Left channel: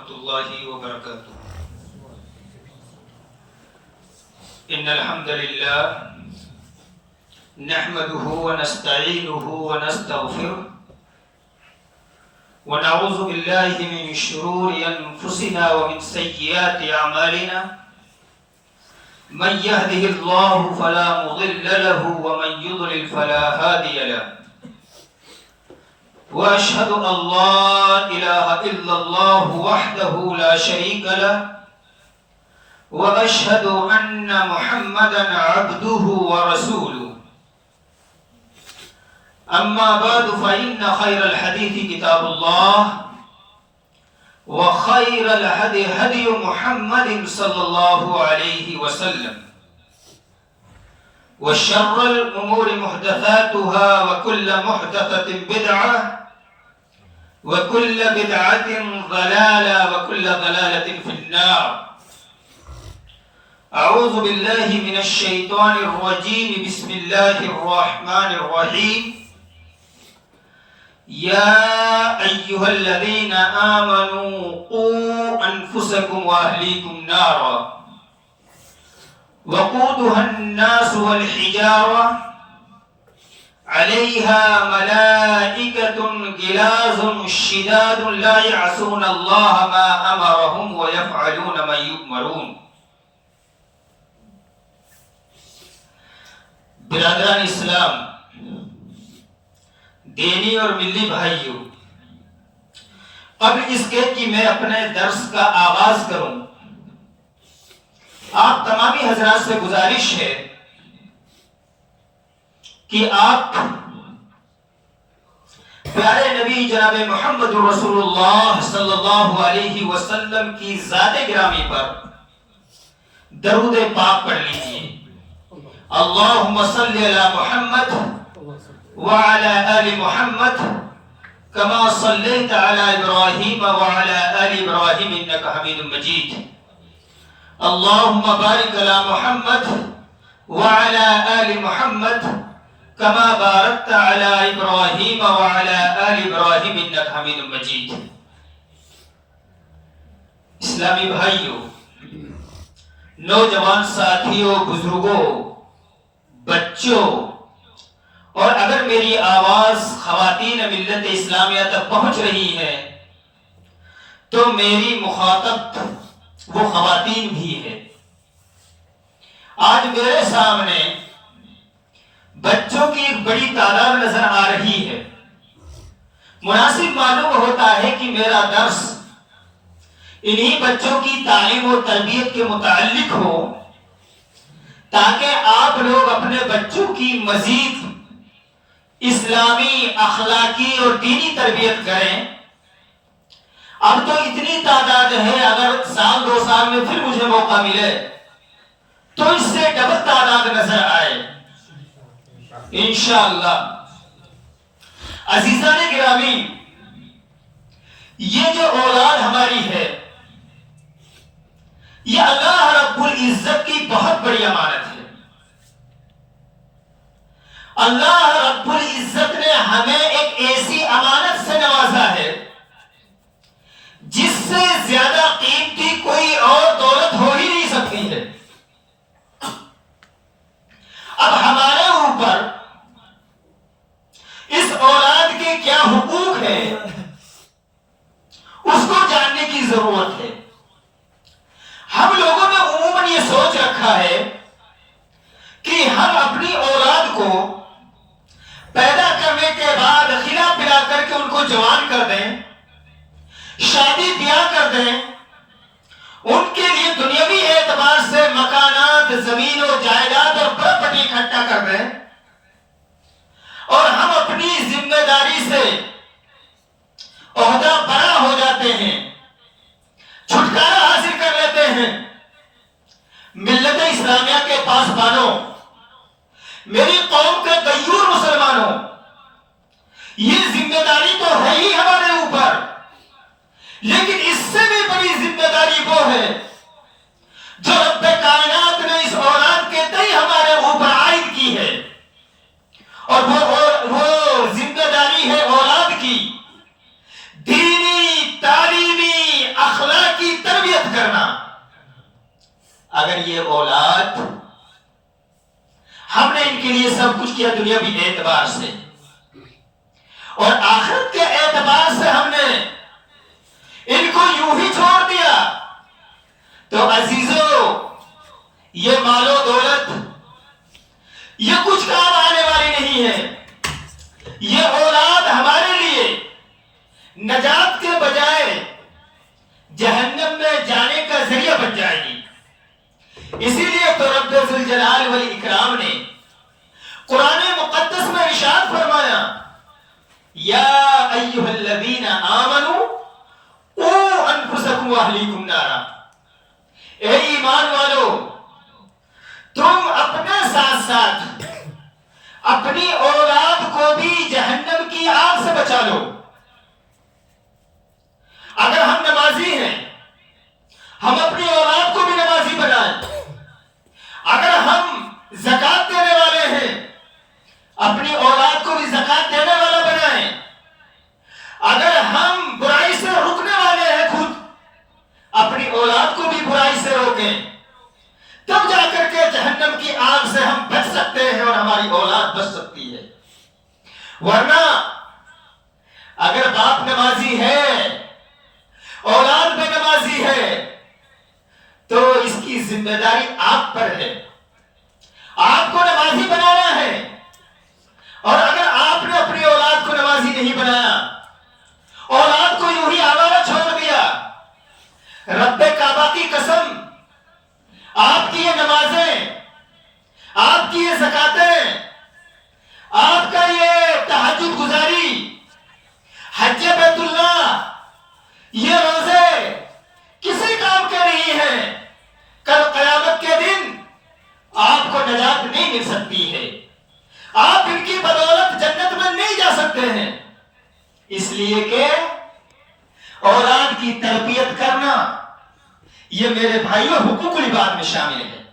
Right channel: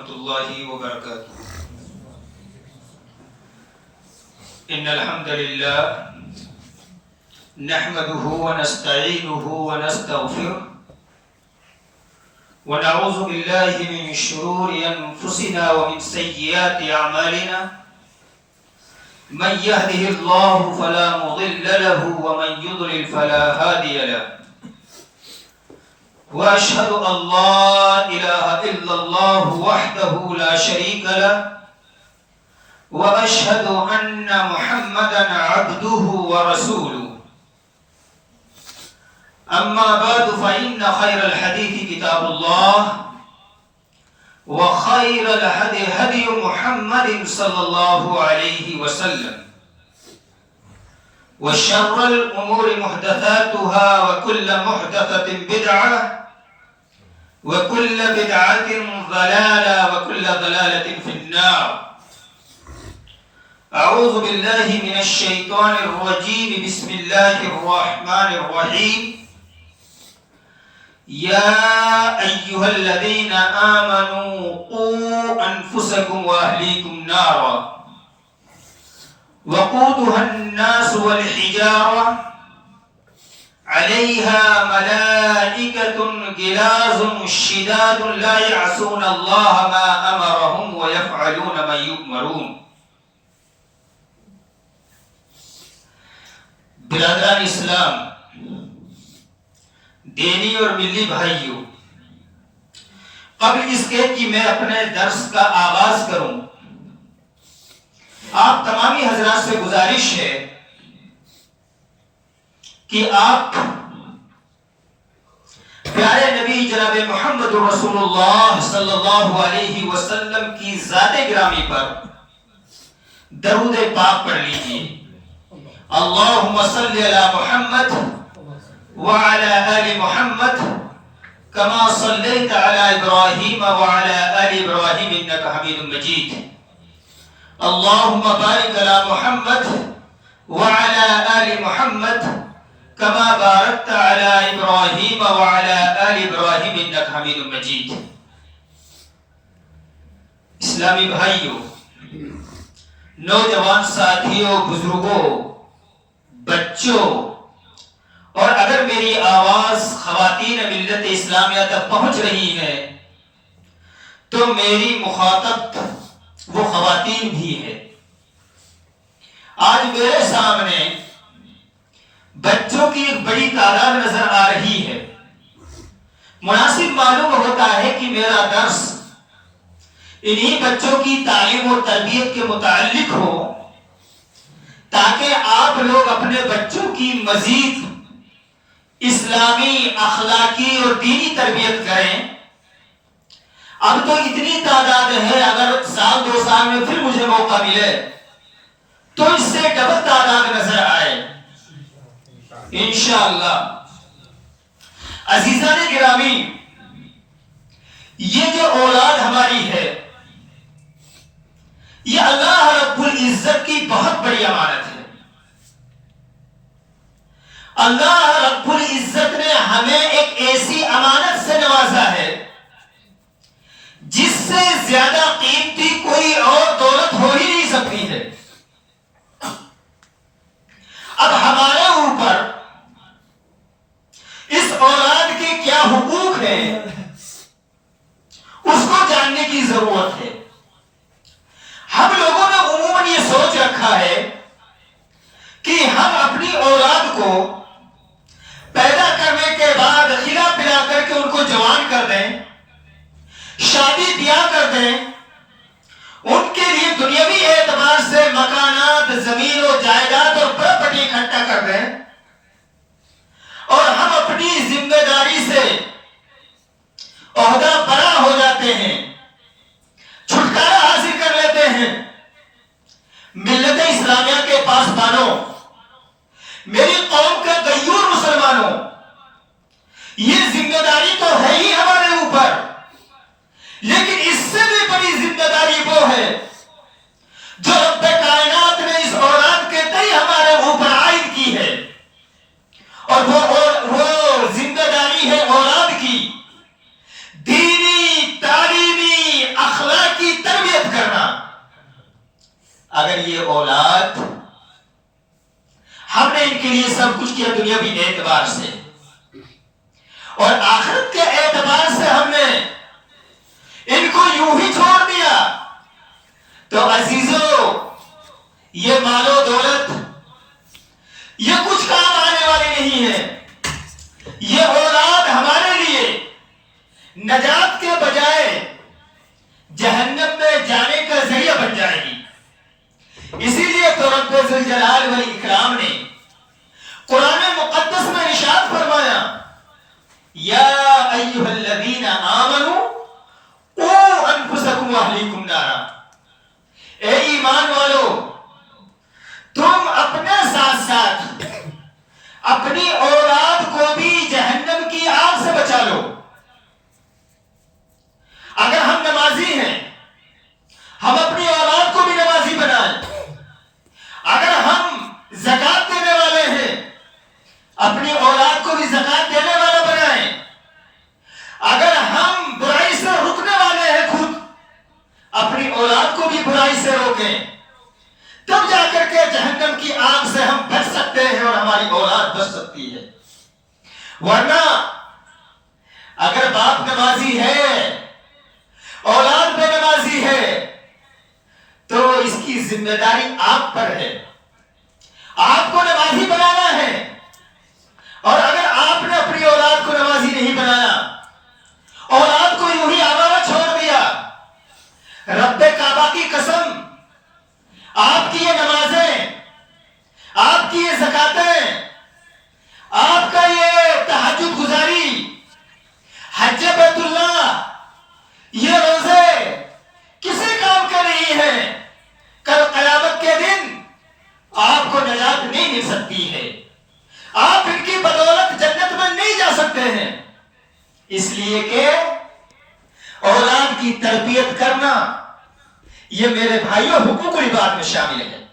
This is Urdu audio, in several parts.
ورحمۃ اللہ وبرکاتہ۔ ان الحمد للہ نحمده ونستعینه ونستغفره ونعوذ باللہ من شرور انفسنا ومن سیئات اعمالنا من يهده الله فلا مضل له ومن يضلل فلا هادي له واشهد ان لا اله الا الله وحده لا شريك له واشهد ان محمدا عبده ورسوله اما بعد فان خير الحديث كتاب الله وخير الهدي هدي محمد صلى الله عليه وسلم وشر الامور محدثاتها وكل محدثة بدعة وكل بدعة ضلالة وكل ضلالة في النار۔ اعوذ باللہ من الشیطان الرجیم، بسم اللہ الرحمن الرحیم۔ یا ایہا الذین آمنوا قوا انفسکم واہلیکم نارا وقودها الناس والحجارة علیہا ملائکۃ غلاظ شداد لا یعصون اللہ ما امرهم ویفعلون ما یؤمرون۔ برادران اسلام، دینی اور ملی بھائیوں، قبل اس کے کہ میں اپنے درس کا آغاز کروں، آپ تمامی حضرات سے گزارش ہے کہ آپ پیارے نبی جناب محمد رسول اللہ صلی اللہ علیہ وسلم کی ذات گرامی پر درود پاک پڑھ لیجیے۔ اللہم صلی علی محمد وعلى آل محمد كما صليت على إبراهيم وعلى آل إبراهيم إنك حميد مجيد۔ اللهم بارك على محمد وعلى آل محمد كما باركت على إبراهيم وعلى آل إبراهيم إنك حميد مجيد۔ اسلامی بھائیوں، نوجوان ساتھیوں، بزرگوں، بچوں، اور اگر میری آواز خواتین ملت اسلامیہ تک پہنچ رہی ہے تو میری مخاطب وہ خواتین بھی ہے۔ آج میرے سامنے بچوں کی ایک بڑی تعداد نظر آ رہی ہے۔ مناسب معلوم ہوتا ہے کہ میرا درس انہی بچوں کی تعلیم اور تربیت کے متعلق ہو، تاکہ آپ لوگ اپنے بچوں کی مزید اسلامی، اخلاقی اور دینی تربیت کریں۔ اب تو اتنی تعداد ہے، اگر سال دو سال میں پھر مجھے موقع ملے تو اس سے ڈبل تعداد نظر آئے انشاءاللہ۔ عزیزان گرامی، یہ جو اولاد ہماری ہے، یہ اللہ رب العزت کی بہت بڑی امانت ہے۔ اللہ رب العزت نے ہمیں ایک ایسی امانت سے نوازا ہے جس سے زیادہ قیمتی کوئی اور دولت ہو ہی نہیں سکتی ہے۔ اب ہمارے اوپر اس اولاد کے کیا حقوق ہیں اس کو جاننے کی ضرورت ہے۔ ہم لوگوں نے عموماً یہ سوچ رکھا ہے کہ ہم اپنی اولاد کو پیدا کرنے کے بعد کھلا پلا کر کے ان کو جوان کر دیں، شادی بیاہ کر دیں، ان کے لیے دنیاوی اعتبار سے مکانات، زمین و جائیداد اور پراپرٹی اکٹھا کر دیں، اور ہم اپنی ذمہ داری سے عہدہ برا ہو جاتے ہیں، چھٹکارا حاصل کر لیتے ہیں۔ ملت اسلامیہ کے پاسبانوں، میری قوم کے غیور مسلمانوں، یہ ذمہ داری تو ہے ہی ہمارے اوپر، لیکن اس سے بھی بڑی ذمہ داری وہ ہے جو رب کائنات نے اس اولاد کے تئیں ہمارے اوپر عائد کی ہے، اور وہ ذمہ داری ہے اولاد کی دینی، تعلیمی، اخلاقی اگر یہ اولاد ہم نے ان کے لیے سب کچھ کیا دنیاوی اعتبار سے اور آخرت کے اعتبار سے ہم نے ان کو یوں ہی چھوڑ دیا تو عزیزو یہ مال و دولت یہ کچھ کام آنے والی نہیں ہے. یہ اولاد ہمارے لیے نجات کے بجائے جہنم میں جانے کا ذریعہ بن جائے گی. اسی لیے تو رب ذوالجلال والاکرام نے قرآن مقدس میں ارشاد فرمایا یا ایھا الذین آمنوا قوا انفسکم واہلیکم نارا. اے ایمان والو تم اپنے ساتھ ساتھ اپنی اولاد کو بھی جہنم کی آگ سے بچا لو. اگر ہم نمازی ہیں ہم اپنی اولاد کو بھی نمازی بنائیں. اگر ہم زکات دینے والے ہیں اپنی اولاد کو بھی زکات دینے والا بنائیں. اگر ہم برائی سے رکنے والے ہیں خود اپنی اولاد کو بھی برائی سے روکیں تب جا کر کے جہنم کی آگ سے ہم بچ سکتے ہیں اور ہماری اولاد بچ سکتی ہے. ورنہ اگر باپ نمازی ہے اولاد بے نمازی ہے تو اس کی ذمہ داری آپ پر ہے. آپ کو نمازی بنانا ہے اور اگر آپ نے اپنی اولاد کو نمازی نہیں بنایا اولاد کو یوں ہی آوارہ چھوڑ دیا رب کعبہ کی قسم آپ کی یہ نمازیں آپ کی یہ زکاتیں آپ کا یہ تہجد گزاری حج بیت اللہ یہ روزے کسی کام کے نہیں ہیں. کل قیامت کے دن آپ کو نجات نہیں مل سکتی ہے. آپ ان کی بدولت جنت میں نہیں جا سکتے ہیں. اس لیے کہ اولاد کی تربیت کرنا یہ میرے بھائیوں حقوق العباد میں شامل ہے.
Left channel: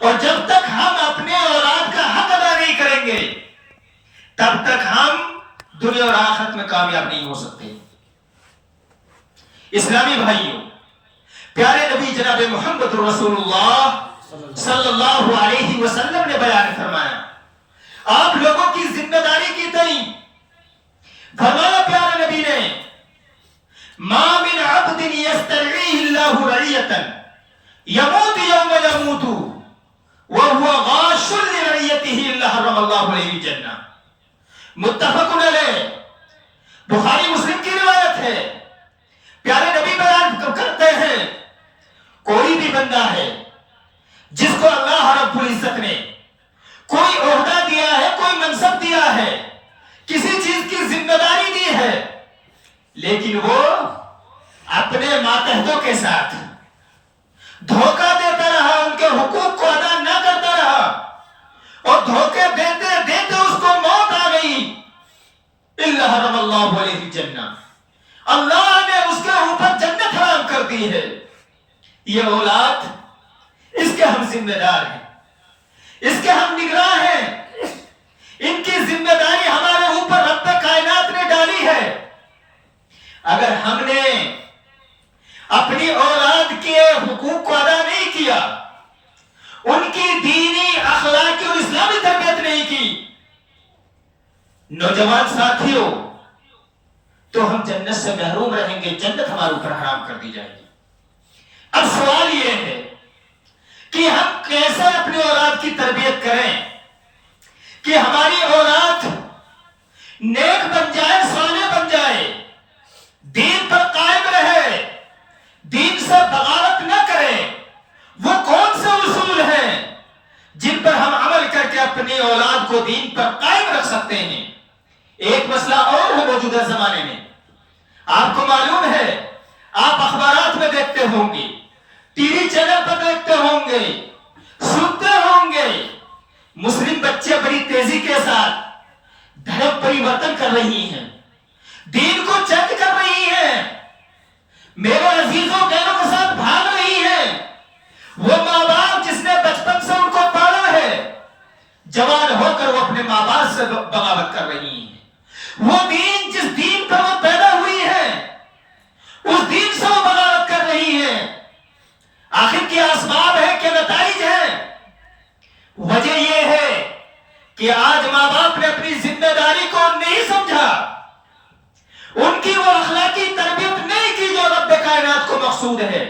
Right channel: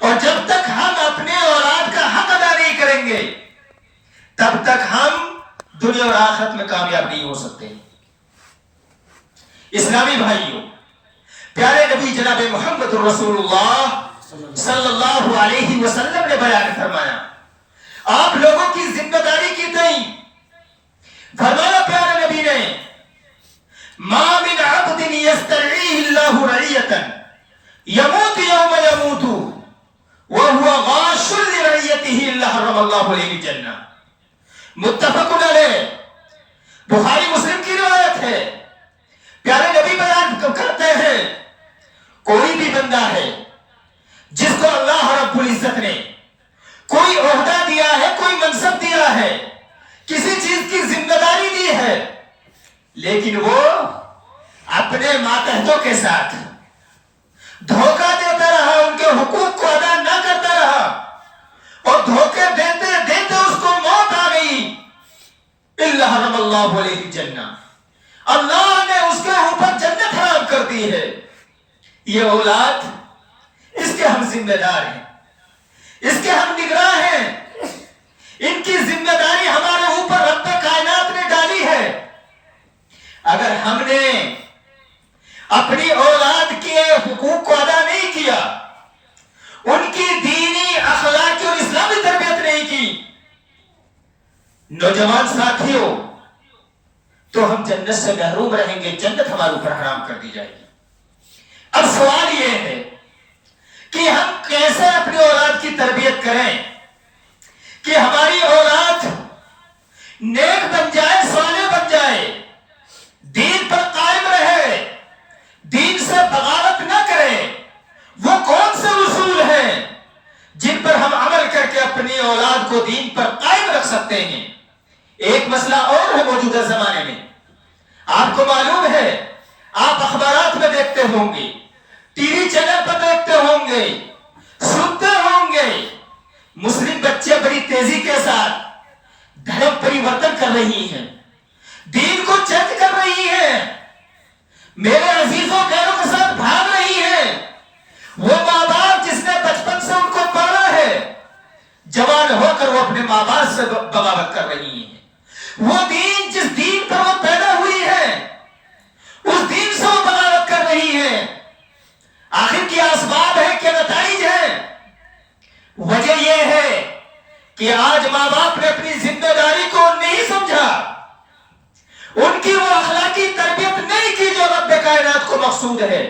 اور جب تک ہم اپنے اولاد کا حق ادا نہیں کریں گے تب تک ہم دنیا اور آخرت میں کامیاب نہیں ہو سکتے. اسلامی بھائیوں پیارے نبی جناب محمد رسول اللہ صلی اللہ علیہ وسلم نے بیان فرمایا آپ لوگوں کی ذمہ داری کی تئیں فرمایا پیارے نبی نے ما من عبد یسترعیہ اللہ رعیتا یموت یوم یموت وهو غاش لرعیتہ الا حرم اللہ علیہ الجنہ. متفق علیہ بخاری مسلم کی روایت ہے. پیارے نبی بیان کرتے ہیں کوئی بھی بندہ ہے جس کو اللہ رب العزت نے کوئی عہدہ دیا ہے کوئی منصب دیا ہے کسی چیز کی ذمہ داری دی ہے لیکن وہ اپنے ماتحتوں کے ساتھ دھوکہ دیتا رہا ان کے حقوق کو ادا نہ کرتا رہا اور دھوکے دیتے دیتے اس کو موت آ گئی الا حرم اللہ علیہ الجنہ اللہ نے اس کے اوپر جنت حرام کر دی ہے. یہ اولاد اس کے ہم ذمہ دار ہیں اس کے ہم نگراں ہیں. ان کی ذمہ داری ہمارے اوپر رب کائنات نے ڈالی ہے. اگر ہم نے اپنی اولاد کے حقوق کو ادا نہیں کیا ان کی دینی اخلاقی اور اسلامی تربیت نہیں کی نوجوان ساتھیوں تو ہم جنت سے محروم رہیں گے. جنت ہمارے اوپر حرام کر دی جائے گی. اب سوال یہ ہے کہ ہم کیسے اپنی اولاد کی تربیت کریں کہ ہماری اولاد نیک بن جائے صالح بن جائے دین پر قائم رہے دین سے بغاوت نہ کرے. وہ کون سے اصول ہیں جن پر ہم عمل کر کے اپنی اولاد کو دین پر قائم رکھ سکتے ہیں. ایک مسئلہ اور ہے موجودہ زمانے میں آپ کو معلوم ہے آپ اخبارات میں دیکھتے ہوں گے ٹی وی چینل پر دیکھتے ہوں گے سنتے ہوں گے مسلم بچے بڑی تیزی کے ساتھ دھرم پریورتن کر رہی ہیں دین کو چینج کر رہی ہیں میرے عزیزوں غیروں کے ساتھ بھاگ رہی ہیں. وہ ماں باپ جس نے بچپن سے ان کو پالا ہے جوان ہو کر وہ اپنے ماں باپ سے بغاوت کر رہی ہیں. وہ دین جس دین پر وہ پیدا ہوئی ہے اس دین سے وہ بغاوت کر رہی ہے. آخر کیا اسباب ہے، کیا نتائج ہیں؟ وجہ یہ ہے کہ آج ماں باپ نے اپنی ذمہ داری کو نہیں سمجھا، ان کی وہ اخلاقی تربیت نہیں کی جو رب کائنات کو مقصود ہے۔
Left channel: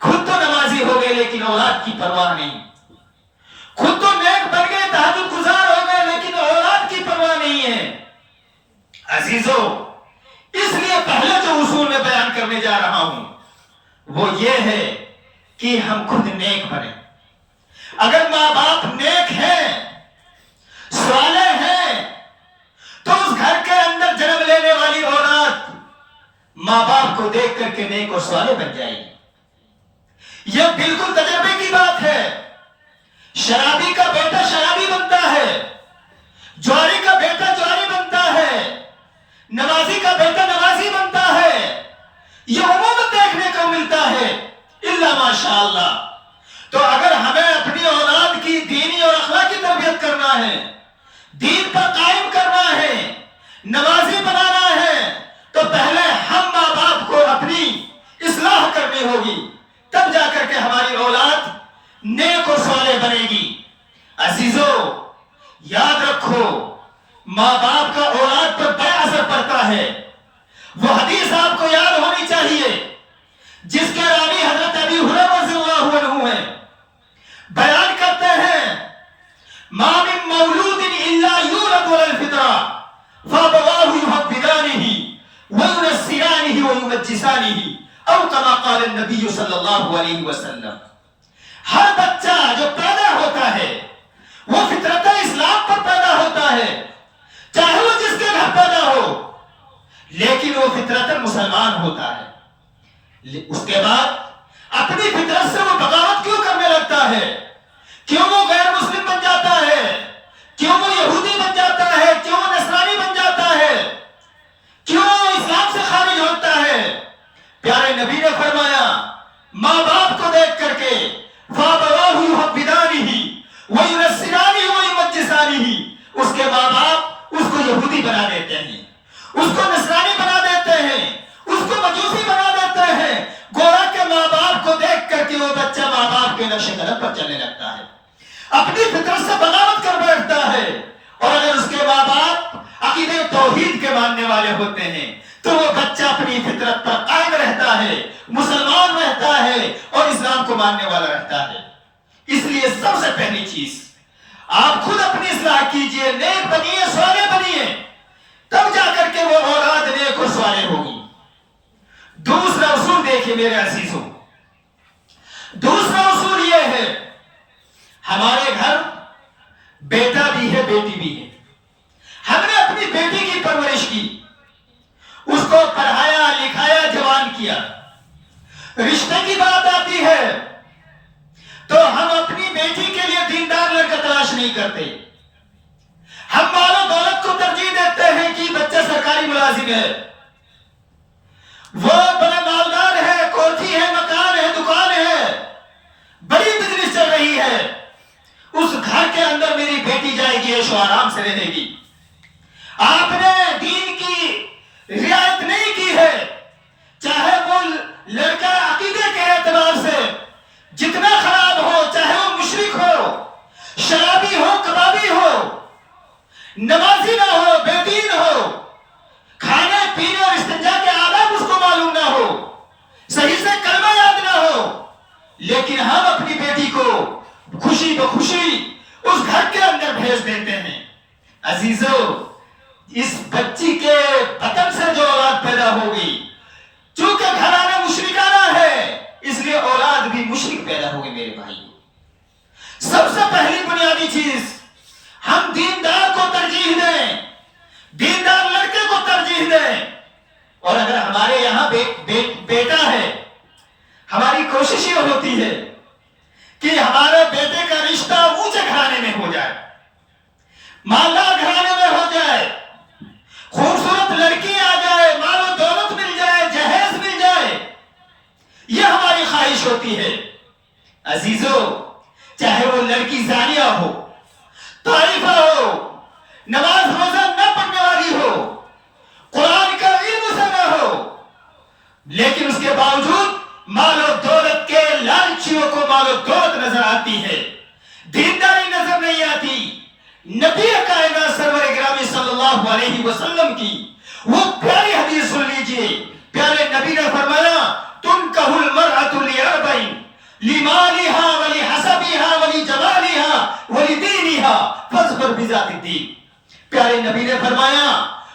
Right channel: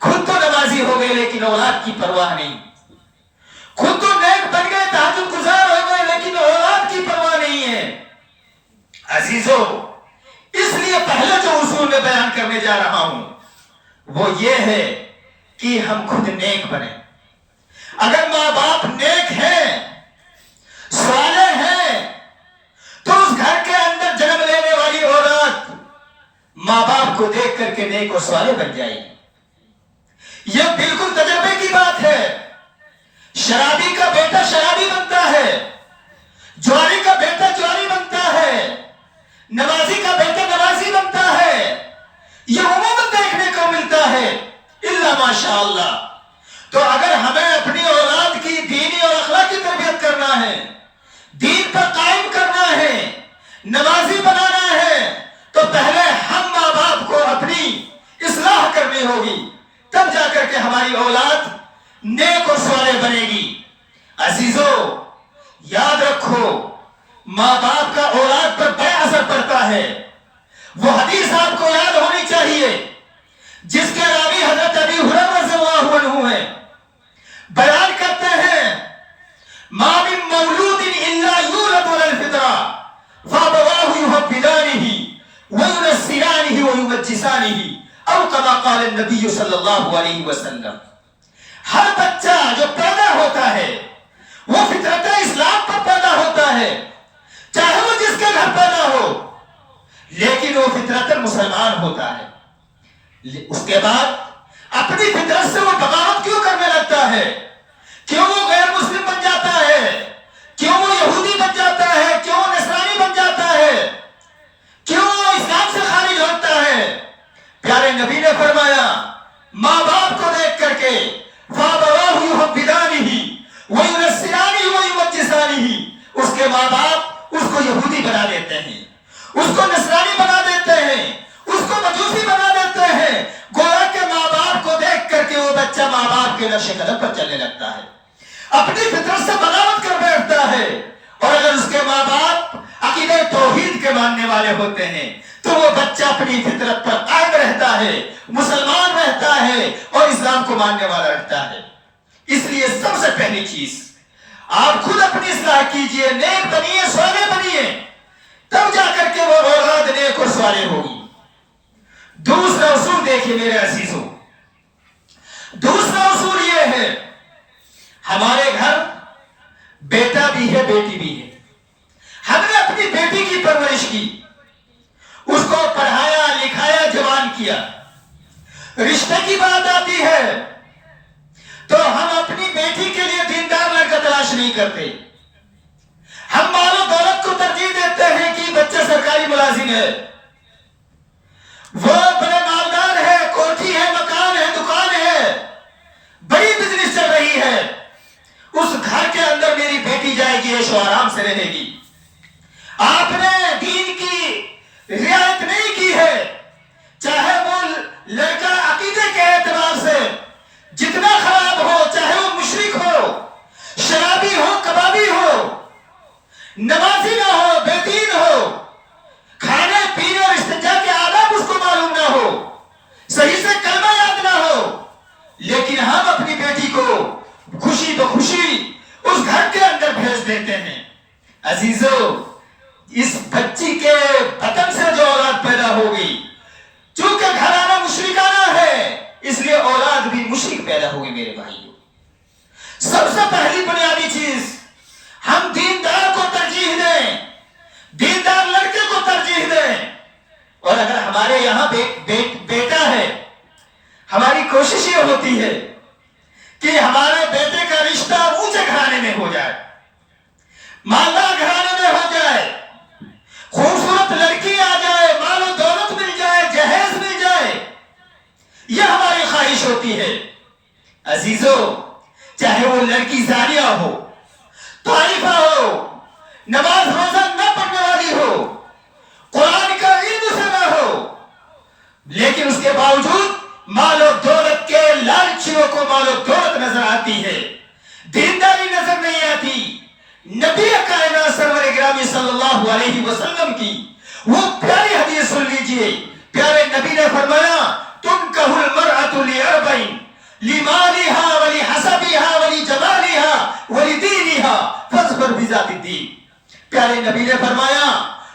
خود تو نمازی ہو گئے لیکن اولاد کی پرواہ نہیں، خود تو نیک بن گئے، تہجد گزار ہو گئے، لیکن اولاد کی پرواہ نہیں ہے۔ عزیزو، اس لیے پہلے جو اصول میں بیان کرنے جا رہا ہوں وہ یہ ہے کہ ہم خود نیک بنیں۔ اگر ماں باپ نیک ہیں، صالح ہیں، تو اس گھر کے اندر جنم لینے والی اولاد ماں باپ کو دیکھ کر کے نیک اور صالح بن جائے گی۔ یہ بالکل تجربے کی بات ہے۔ شرابی کا بیٹا شرابی بنتا ہے، جواری کا بیٹا جواری بنتا ہے، نمازی کا بیٹا نمازی بنتا ہے۔ یہ عموماً دیکھنے کو ملتا ہے، الا ماشاء اللہ۔ تو اگر ہمیں اپنی اولاد کی دینی اور اخلاقی تربیت کرنا ہے، دین پر قائم کرنا ہے، نمازی بنانا ہے، تو پہلے ہم ماں باپ کو اپنی اصلاح کرنی ہوگی، تب جا کر کے ہماری اولاد نیک اور صالح بنے گی۔ عزیزو، یاد رکھو، ماں باپ کا اولاد پر بڑا اثر پڑتا ہے۔ وہ حدیث آپ کو یاد ہونی چاہیے جس کے راوی حضرت ابی ہریرہ رضی اللہ عنہ ہیں، بیان کرتے ہیں ما من مولود الا یولد علی الفطرہ فابواہ یحودانہ وینصرانہ ویمجسانہ او کما قال النبی صلی اللہ علیہ وسلم۔ ہر بچہ جو پیدا ہوتا ہے وہ فطرت اسلام پر پیدا ہوتا ہے، چاہے وہ جس کے گھر پیدا ہو، لیکن وہ فطرت مسلمان ہوتا ہے۔ اس کے بعد اپنی فطرت سے وہ بغاوت کیوں کرنے لگتا ہے؟ کیوں وہ غیر مسلم بن جاتا ہے؟ کیوں وہ یہودی بن جاتا ہے؟ کیوں وہ نصرانی بن جاتا ہے؟ کیوں وہ اسلام سے خارج ہوتا ہے؟ پیارے نبی نے فرمایا ماں باپ کو دیکھ کر کے فَابَوَاهُ يُحَوِّدَانِهِ وَيُنَصِّرَانِهِ وَيُمَجِّسَانِهِ، اس کے ماں باپ اس کو یہودی بنا دیتے ہیں، اس کو نصرانی بنا دیتے ہیں، اس کو مجوسی بنا دیتے ہیں، گویا کہ ماں باپ کو دیکھ کر کے وہ بچہ ماں باپ کے نقش قدم پر چلنے لگتا ہے، اپنی فطرت سے بغاوت کر بیٹھتا ہے۔ اور اگر اس کے ماں باپ عقیدہ توحید کے ماننے والے ہوتے ہیں تو وہ بچہ اپنی فطرت پر قائم رہتا ہے، مسلمان رہتا ہے اور اسلام کو ماننے والا رہتا ہے۔ اس لیے سب سے پہلی چیز آپ خود اپنی اصلاح کیجئے، نیک بنیے، صالح بنیے، تب جا کر کے وہ اولاد نیک اور صالح ہوگی۔ دوسرا اصول دیکھیں میرے عزیزوں، دوسرا اصول یہ ہے، ہمارے گھر بیٹا بھی ہے بیٹی بھی ہے، ہم نے اپنی بیٹی کی پرورش کی، اس کو پڑھایا لکھایا جوان کیا، رشتے کی بات آتی ہے تو ہم اپنی بیٹی کے لیے دیندار لڑکا تلاش نہیں کرتے، ہم مال و دولت کو ترجیح دیتے ہیں کہ بچہ سرکاری ملازم ہے، وہ بڑے مالدار ہے، کوٹھی ہے، مکان ہے، دکان ہے، بڑی بزنس چل رہی ہے، اس گھر کے اندر میری بیٹی جائے گی، عیش و آرام سے رہے گی۔ آپ نے دین کی رعایت نہیں کی ہے، چاہے وہ لڑکا عقیدے کے اعتبار سے جتنا خراب ہو، چاہے وہ مشرک ہو، شرابی ہو، کبابی ہو، نمازی نہ ہو، بے دین ہو، کھانے پینے اور استنجا کے آداب اس کو معلوم نہ ہو، صحیح سے کلمہ یاد نہ ہو، لیکن ہم اپنی بیٹی کو خوشی تو خوشی اس گھر کے اندر بھیج دیتے ہیں۔ عزیزو، اس بچی کے بطن سے جو اولاد پیدا ہوگی، چونکہ گھرانہ مشرکانہ ہے، اس لیے اولاد بھی مشرک پیدا ہوگی۔ میرے بھائیو، سب سے پہلی بنیادی چیز، ہم دیندار کو ترجیح دیں، دیندار لڑکے کو ترجیح دیں، اور اگر ہمارے یہاں بیٹا ہے، ہماری کوشش یہ ہوتی ہے کہ ہمارے بیٹے کا رشتہ اونچے گھرانے میں ہو جائے، مالدار گھرانے میں ہو جائے، خوبصورت لڑکی آ جائے، مال و دولت مل جائے، جہیز مل جائے، یہ ہماری خواہش ہوتی ہے۔ عزیزو، چاہے وہ لڑکی زانیہ ہو، طائفہ ہو، نماز روزہ نہ پڑھنے والی ہو، قرآن کا علم سے نہ ہو، لیکن اس کے باوجود مال و دولت کے بچیوں کو مال و دولت نظر آتی ہے، دینداری نظر نہیں آتی، نبی کائنات سرور گرامی صلی اللہ علیہ وسلم کی وہ پیاری حدیث سن لیجئے. پیارے نبی نے فرمایا تنکح المرأة لأربعین لمالها ولحسبها ولجمالها ولدینها فاظفر بذات الدین. پیارے نبی نے فرمایا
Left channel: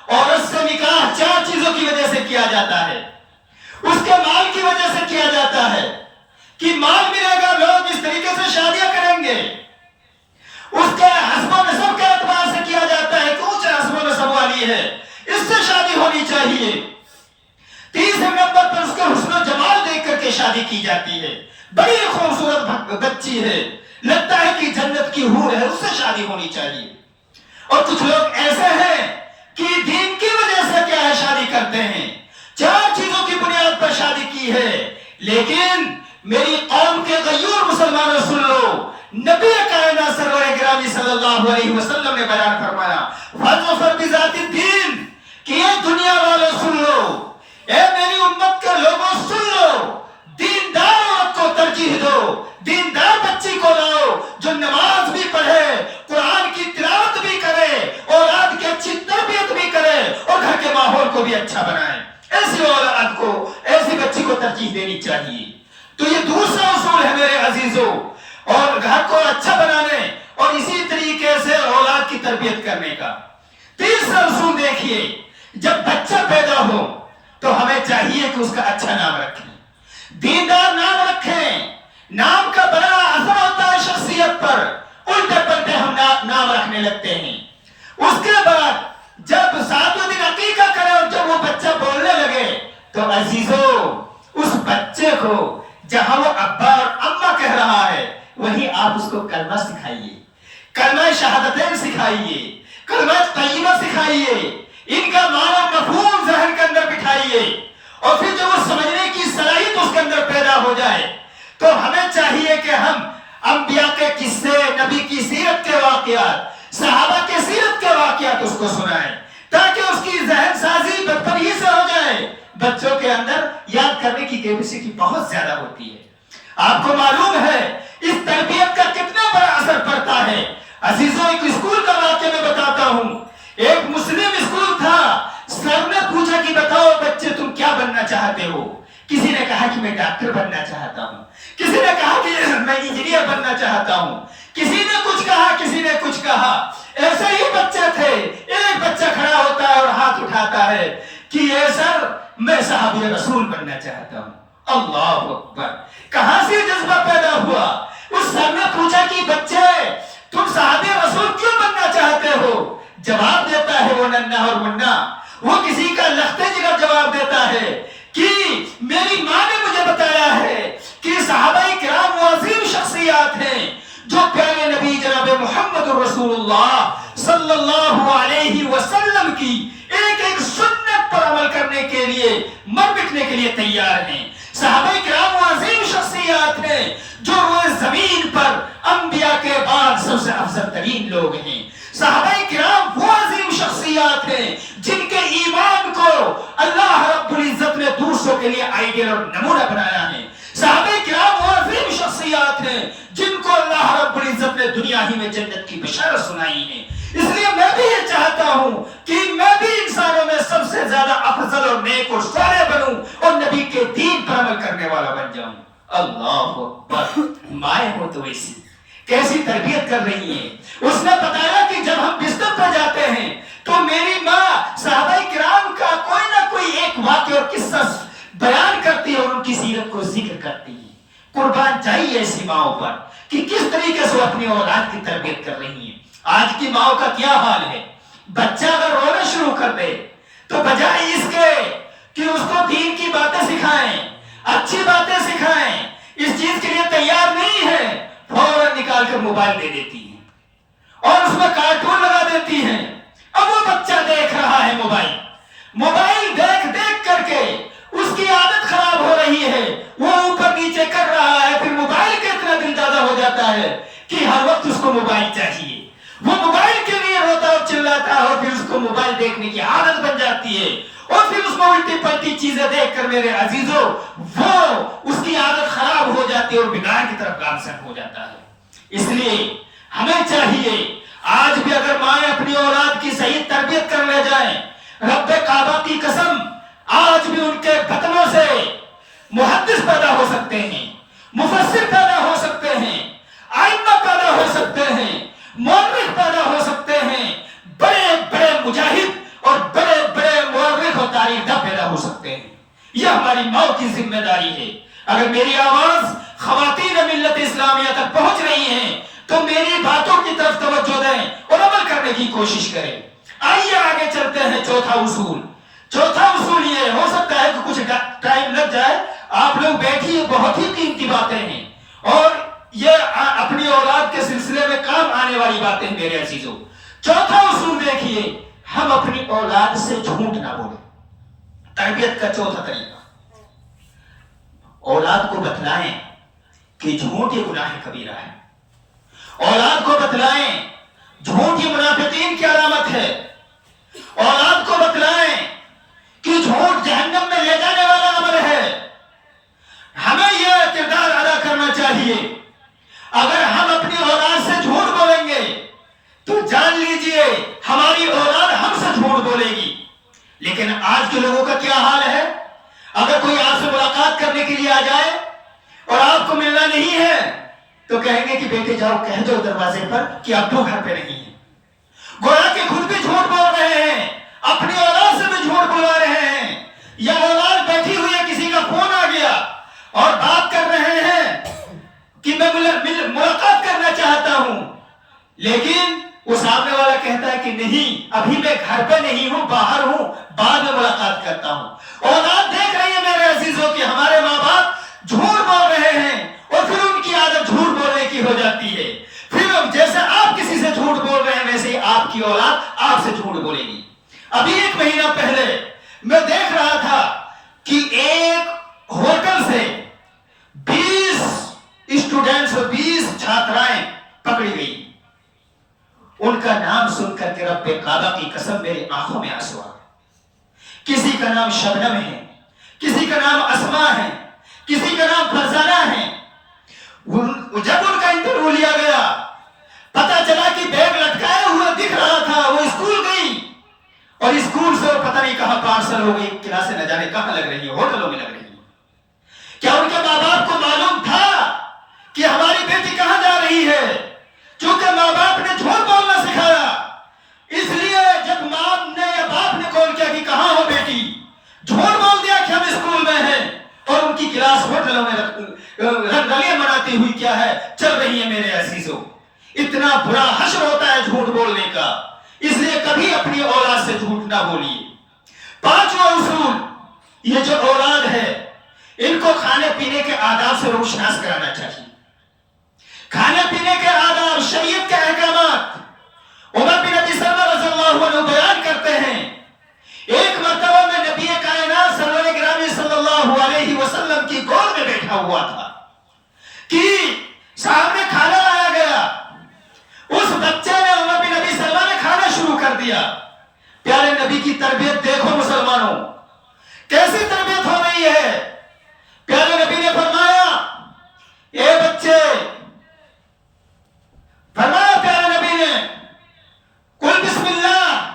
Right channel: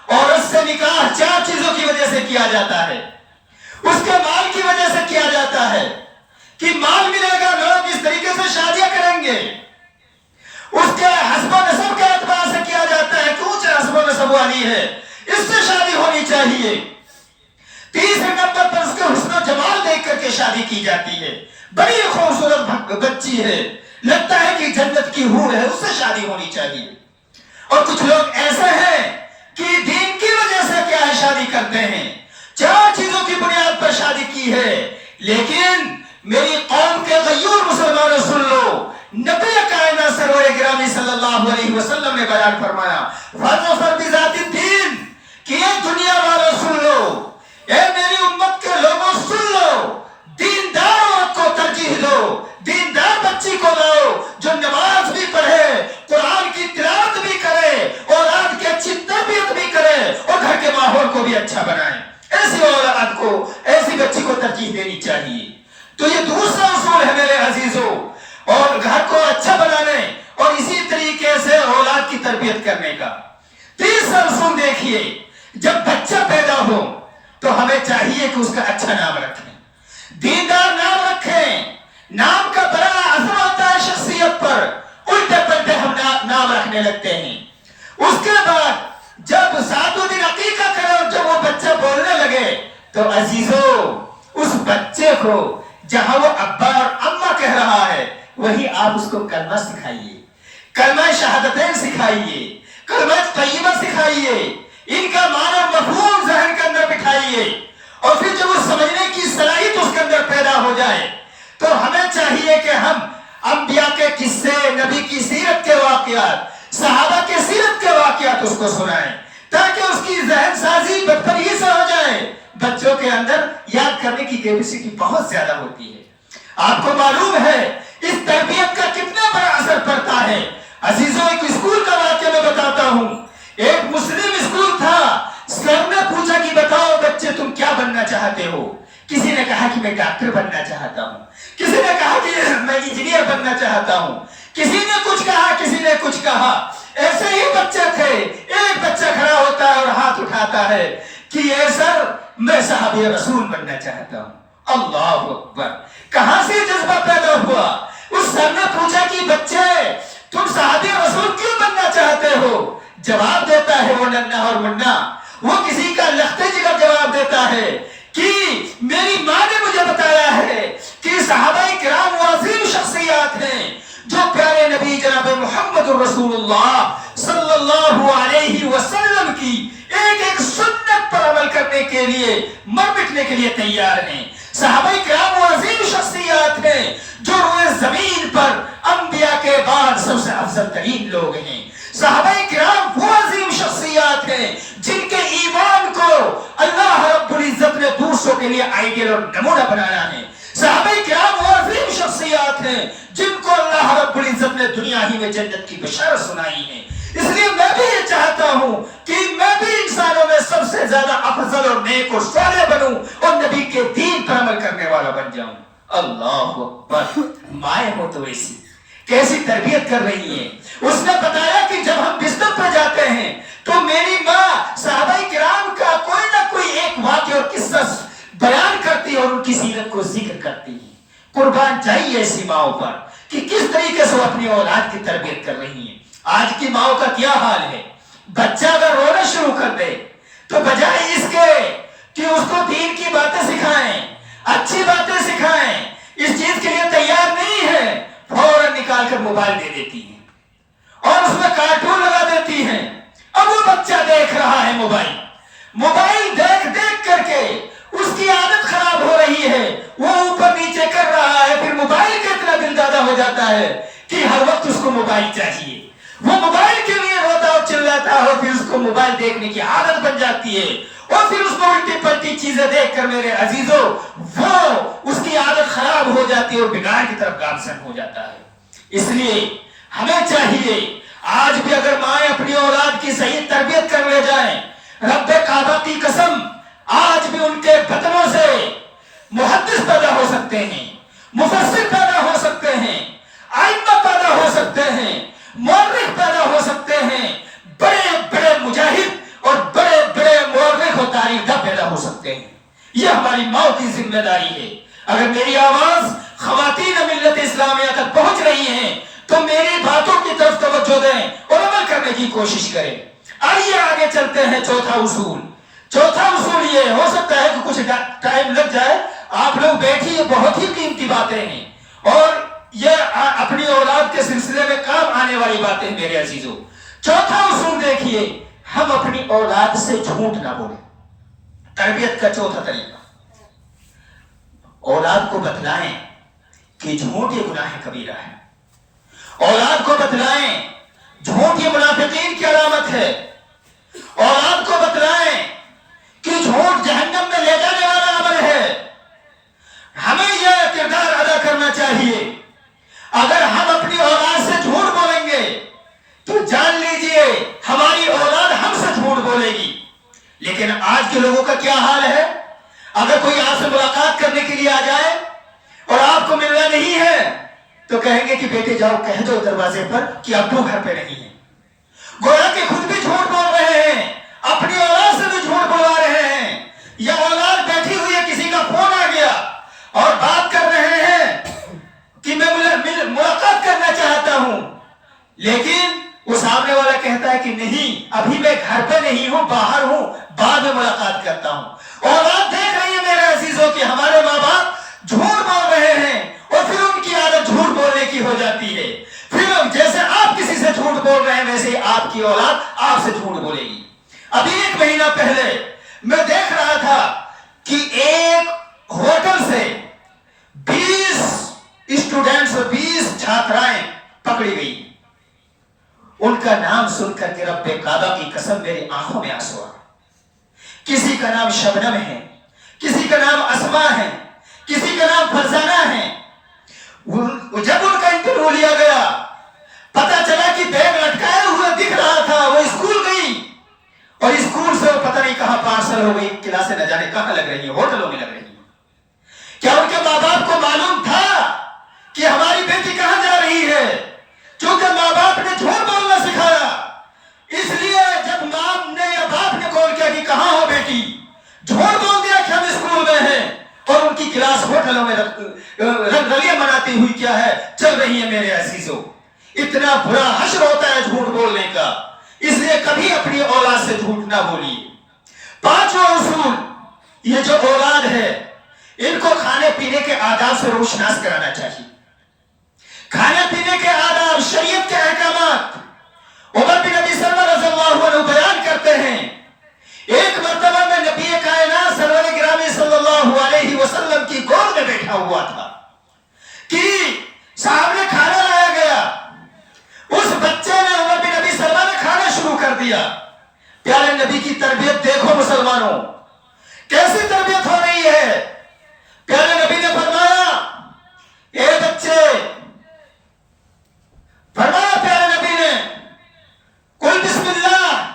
عورت سے نکاح 4 چیزوں کی وجہ سے کیا جاتا ہے. اس کے مال کی وجہ سے کیا جاتا ہے کہ مال ملے گا، لوگ اس طریقے سے شادیاں کریں گے. اس کے حسب و نسب کے اعتبار سے کیا جاتا ہے کہ اونچے حسب و نسب والی ہے، اس سے شادی ہونی چاہیے. تیسرے نمبر پر اس کے حسن و جمال دیکھ کر کے شادی کی جاتی ہے، بڑی خوبصورت بچی ہے، لگتا ہے کہ جنت کی حور ہے، اس سے شادی ہونی چاہیے. اور کچھ لوگ ایسے ہیں کہ دین کی وجہ سے کیا ہے شادی کرتے ہیں، 4 چیزوں کی بنیاد پر شادی کی ہے. لیکن میری قوم کے غیور مسلمانوں سن لو، نبی کائنات سرور گرامی صلی اللہ علیہ وسلم نے بیان فرمایا فاظفر بذات الدین کہ یہ دنیا والوں سن لو، اے میری امت کے لوگوں سن لو، دیندار عورت کو ترجیح دو، دیندار بچی کو لاؤ جو نماز بھی پڑھے، قرآن کی تلاوت بھی کرے، اولاد کی اچھی تربیت بھی کرے اور گھر کے ماحول کو بھی اچھا بنائے. ایسی اولاد کو، ایسی بچی کو ترجیح دینی چاہیے. تو یہ دوسرا اصول ہے میرے عزیزوں، اور گھر کو اچھا بنانے اور اسی طریقے سے اولاد کی تربیت کرنے کا. تیسرا اصول دیکھیے، جب بچہ پیدا ہو تو ہمیں چاہیے کہ اس کا اچھا نام رکھیں، دیندار نام رکھیں. نام کا بڑا اثر ہوتا ہے شخصیت پر، الٹے پلٹے ہم نام رکھنے لگتے ہیں. اس کے بعد جب 7ویں دن عقیقہ کرے اور جب وہ بچہ بولنے لگے تو عزیزو اس بچے کو جہاں وہ ابا اور اماں کہہ رہا ہے وہی آپ اس کو کلمہ سکھائیے، کلمہ شہادتین سکھائیے، کلمہ طیبہ سکھائیے، ان کا معنی مفہوم ذہن کے اندر بٹھائیے. اور پھر جب وہ سمجھنے کی صلاحیت اس کے اندر پیدا ہو جائے تو ہمیں چاہیے کہ ہم انبیاء کے قصے، نبی کی سیرت کے واقعات، صحابہ کے سیرت کے واقعات اس کو سنائیں تاکہ اس کی ذہن سازی بچپن ہی سے ہو جائے. بچوں کے اندر یاد کرنے کی کیپیسٹی بہت زیادہ ہوتی ہے. آپ کو معلوم ہے اس تربیت کا کتنا بڑا اثر پڑتا ہے. عزیزوں ایک اسکول کا واقعہ میں بتاتا ہوں. ایک مسلم اسکول تھا، سر نے پوچھا کہ بتاؤ بچے تم کیا بننا چاہتے ہو؟ کسی نے کہا کہ میں ڈاکٹر بننا چاہتا ہوں، کسی نے کہا کہ میں انجینئر بننا چاہتا ہوں، کسی نے کچھ کہا، کسی نے کچھ کہا. ایسے ہی بچے تھے. ایک بچہ کھڑا ہوتا ہے اور ہاتھ اٹھاتا ہے کہ اے سر میں صحابی رسول بننا چاہتا ہوں. اللہ اکبر! کہاں سے جذبہ پیدا ہوا؟ اس سر نے پوچھا کہ بچے تم صحابی رسول کیوں بننا چاہتے ہو؟ جواب دیتا ہے وہ ننھا اور منا، وہ کسی کا لختے جگر جواب دیتا ہے کہ میری ماں نے مجھے بتایا ہے کہ صحابہ کرام وہ عظیم شخصیات ہیں جو پیارے نبی جناب محمد رسول اللہ صلی اللہ علیہ وسلم کی ایک ایک سنت پر عمل کرنے کے لیے مر مٹنے کے لیے تیار ہیں. صحابہ کرام وہ عظیم شخصیات ہیں جو روئے زمین پر انبیاء کے بعد سب سے افضل ترین لوگ ہیں. صحابہ کرام وہ عظیم شخصیات ہیں جن کے ایمان کو اللہ رب العزت نے دوسروں کے لیے آئیڈیل اور نمونہ بنایا ہے. صحابہ کرام وہ عظیم شخصیات ہیں جن کو اللہ رب العزت نے دنیا ہی میں جنت کی بشارت سنائی ہے. اس لیے میں بھی یہ چاہتا ہوں کہ میں بھی انسانوں میں سب سے زیادہ افضل اور نیک اور صالح بنوں اور نبی کے دین پر عمل کرنے والا بن جاؤں. اللہ اکبر! مائیں ہو تو ایسی کیسی تربیت کر رہی ہیں. اس نے بتایا کہ جب ہم بستر پر جاتے ہیں تو میری ماں صحابہ کرام کا کوئی نہ کوئی ایک واقعہ اور قصہ بیان کرتی ہے اور ان کی سیرت کو ذکر کرتی ہے. قربان جائیے ایسی ماؤں پر کہ کس طریقے سے اپنی اولاد کی تربیت کر رہی ہیں. آج کی ماؤں کا کیا حال ہے؟ بچہ اگر رونا شروع کر دے تو بجائے اس کے کہ اس کو دین کی باتیں سکھائیں، اچھی باتیں سکھائیں، اس چیز کے لیے تیار نہیں ہے، فوراً نکال کر موبائل دے دیتی ہیں اور اس میں کارٹون لگا دیتی ہیں. اب وہ بچہ دیکھ رہا ہے موبائل دیکھ دیکھ کر کے اس کی عادت خراب ہو رہی ہے، وہ اوپر نیچے کر رہا ہے. پھر موبائل کا اتنا دل دادا ہو جاتا ہے کہ ہر وقت اس کو موبائل چاہیے. وہ موبائل کے لیے روتا اور چلاتا ہے اور پھر اس کو موبائل دیکھنے کی عادت بن جاتی ہے اور پھر اس میں الٹی پلٹی چیزیں دیکھ کر میرے عزیزوں وہ اس کی عادت خراب ہو جاتی جاتی ہے اور بگاڑ کی طرف گامزن ہو جاتا ہے. اس لیے ہمیں چاہیے آج بھی اگر مائیں اپنی اولاد کی صحیح تربیت کر لے جائیں، رب کعبہ کی قسم آج بھی ان کے بطنوں سے محدث پیدا ہو سکتے ہیں، مفسر پیدا ہو سکتے ہیں، ائمہ پیدا ہو سکتے ہیں، مورخ پیدا ہو سکتے ہیں، بڑے بڑے مجاہد اور بڑے بڑے مورخ اور تاریخ داں پیدا ہو سکتے ہیں. یہ ہماری ماؤں کی ذمہ داری ہے. اگر میری آواز خواتین ملت اسلامیہ تک پہنچ رہی ہیں تو میری باتوں کی طرف توجہ دیں اور عمل کرنے کی کوشش کریں. آئیے آگے چلتے ہیں. چوتھا اصول یہ ہو سکتا ہے کہ کچھ ٹائم لگ جائے. آپ لوگ بیٹھیے، بہت ہی قیمتی باتیں ہیں اور یہ اپنی اولاد کے سلسلے میں کام آنے والی باتیں ہیں میرے عزیزوں. چوتھا اصول دیکھیے، ہم اپنی اولاد سے جھوٹ نہ بولیں. تربیت کا چوتھا طریقہ، اولاد کو بتلائیں کہ جھوٹ یہ گناہ کبیرہ ہے. اولاد کو بتلائیں جھوٹ یہ منافقین کی علامت ہے. اولاد کو بتلائیں کہ جھوٹ جہنم میں لے جانے والا عمل ہے. ہمیں یہ کردار ادا کرنا چاہیے. اگر ہم اپنی اولاد سے جھوٹ بولیں گے تو جان لیجئے ہماری اولاد ہم سے جھوٹ بولے گی. لیکن آج کے لوگوں کا کیا حال ہے؟ اگر کوئی آپ سے ملاقات کرنے کے لیے آ جائے اور آپ کو ملنا نہیں ہے تو کہیں گے کہ بیٹے جاؤ کہہ دو دروازے پر کہ ابو گھر پہ نہیں ہے. گویا کہ خود بھی جھوٹ بول رہے ہیں، اپنی اولاد سے بھی جھوٹ بلوا رہے ہیں. یا اولاد بیٹھی ہوئی ہے، کسی کا فون آ گیا اور بات کر رہے ہیں کہ میں ملاقات کرنا چاہتا ہوں، لیکن وہ سامنے والا کہتا ہے کہ نہیں ابھی میں گھر پہ نہیں ہوں، باہر ہوں، بعد میں ملاقات کرتا ہوں. اولاد دیکھ رہی ہے میرے عزیزوں کہ ہمارے ماں باپ جھوٹ بول رہے ہیں اور پھر ان کی عادت جھوٹ بولنے کی ہو جاتی ہے. پھر جیسے آپ کسی سے جھوٹ بول رہے ہیں ویسے ہی آپ کی اولاد آپ سے جھوٹ بولے گی. ابھی 1 مہینہ پہلے میں دیکھ رہا تھا کہ ایک ہوٹل سے 20 اسٹوڈنٹس اور 20 چھاترائیں پکڑی گئی. ان کا نام سن کر کے رب کعبہ کی قسم میری آنکھوں میں آنسو آئے. کسی کا نام شبنم ہے، کسی کا نام اسما ہے، کسی کا نام فرزانہ ہے. جب ان کا انٹرویو لیا گیا پتا چلا کہ بیگ لٹکائے ہوئے دکھ رہا تھا. وہ اسکول گئی اور اسکول سے پتہ نہیں کہاں پارسل ہو گئی. کلاسیں نہ جانے کہاں لگ رہی ہیں، ہوٹلوں میں لگ رہی ہیں. کیا ان کے ماں باپ کو معلوم تھا کہ ہماری بیٹی کہاں جا رہی ہے؟ کیونکہ ماں باپ نے جھوٹ بولنا سکھایا. اس لیے جب ماں نے یا باپ نے کال کیا کہ کہاں ہو بیٹی، جھوٹ بول دیا کہ ہم اسکول میں ہیں اور ان کی کلاس ہوٹلوں میں رنگلیاں مناتی ہوئی کیا ہے چل رہی ہے. میرے عزیزوں اتنا برا حشر ہوتا ہے جھوٹ بولنے کا. اس لیے کبھی اپنی اولاد سے جھوٹ نہ بولیے. 5واں اصول، یہ جو اولاد ہے ان کو کھانے پینے کے آداب سے روشناس کرانا چاہیے. کھانے پینے کے آداب، شریعت کے احکامات عمر بن ابی سلمہ رضی اللہ عنہ بیان کرتے ہیں. ایک مرتبہ میں نبی کائنات سرور گرامی صلی اللہ علیہ وسلم کی گود میں بیٹھا ہوا تھا کہ سامنے کھانا لایا گیا. اس بچے نے عمر بن ابی سلمہ نے کھانا شروع کر دیا. پیارے نبی کی تربیت دیکھو مسلمانوں، کیسی تربیت ہو رہی ہے. پیارے نبی نے فرمایا اے بچے، فرمایا پیارے نبی نے کل بسم اللہ،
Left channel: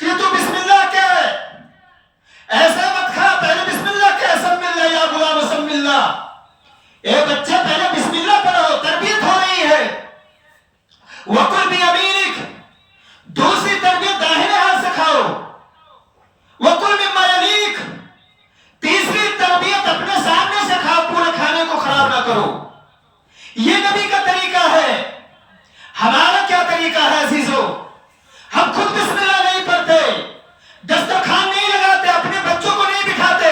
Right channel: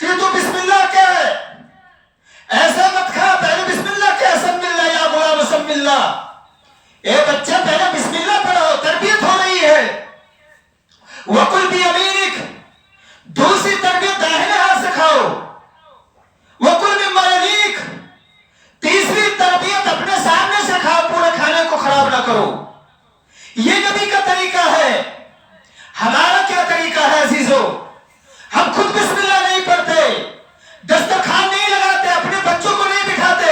کہ تو بسم اللہ کہے، ایسا مت کھا، پہلے بسم اللہ کہے. سم اللہ یا غلام سم اللہ. اے بچے پہلے بسم اللہ پڑھو. تربیت ہو رہی ہے. وَقُلْ بِيَمِينِكَ، دوسری تربیت داہنے ہاتھ سے کھاؤ. وَقُلْ مِمَّا يَلِيكَ، تیسری تربیت اپنے سامنے سے کھاؤ، پورے کھانے کو خراب نہ کرو. یہ نبی کا طریقہ ہے. ہمارا کیا طریقہ ہے عزیزو؟ ہم خود بسم اللہ نہیں پڑھتے، دسترخوان نہیں لگاتے، اپنے بچوں کو نہیں بٹھاتے.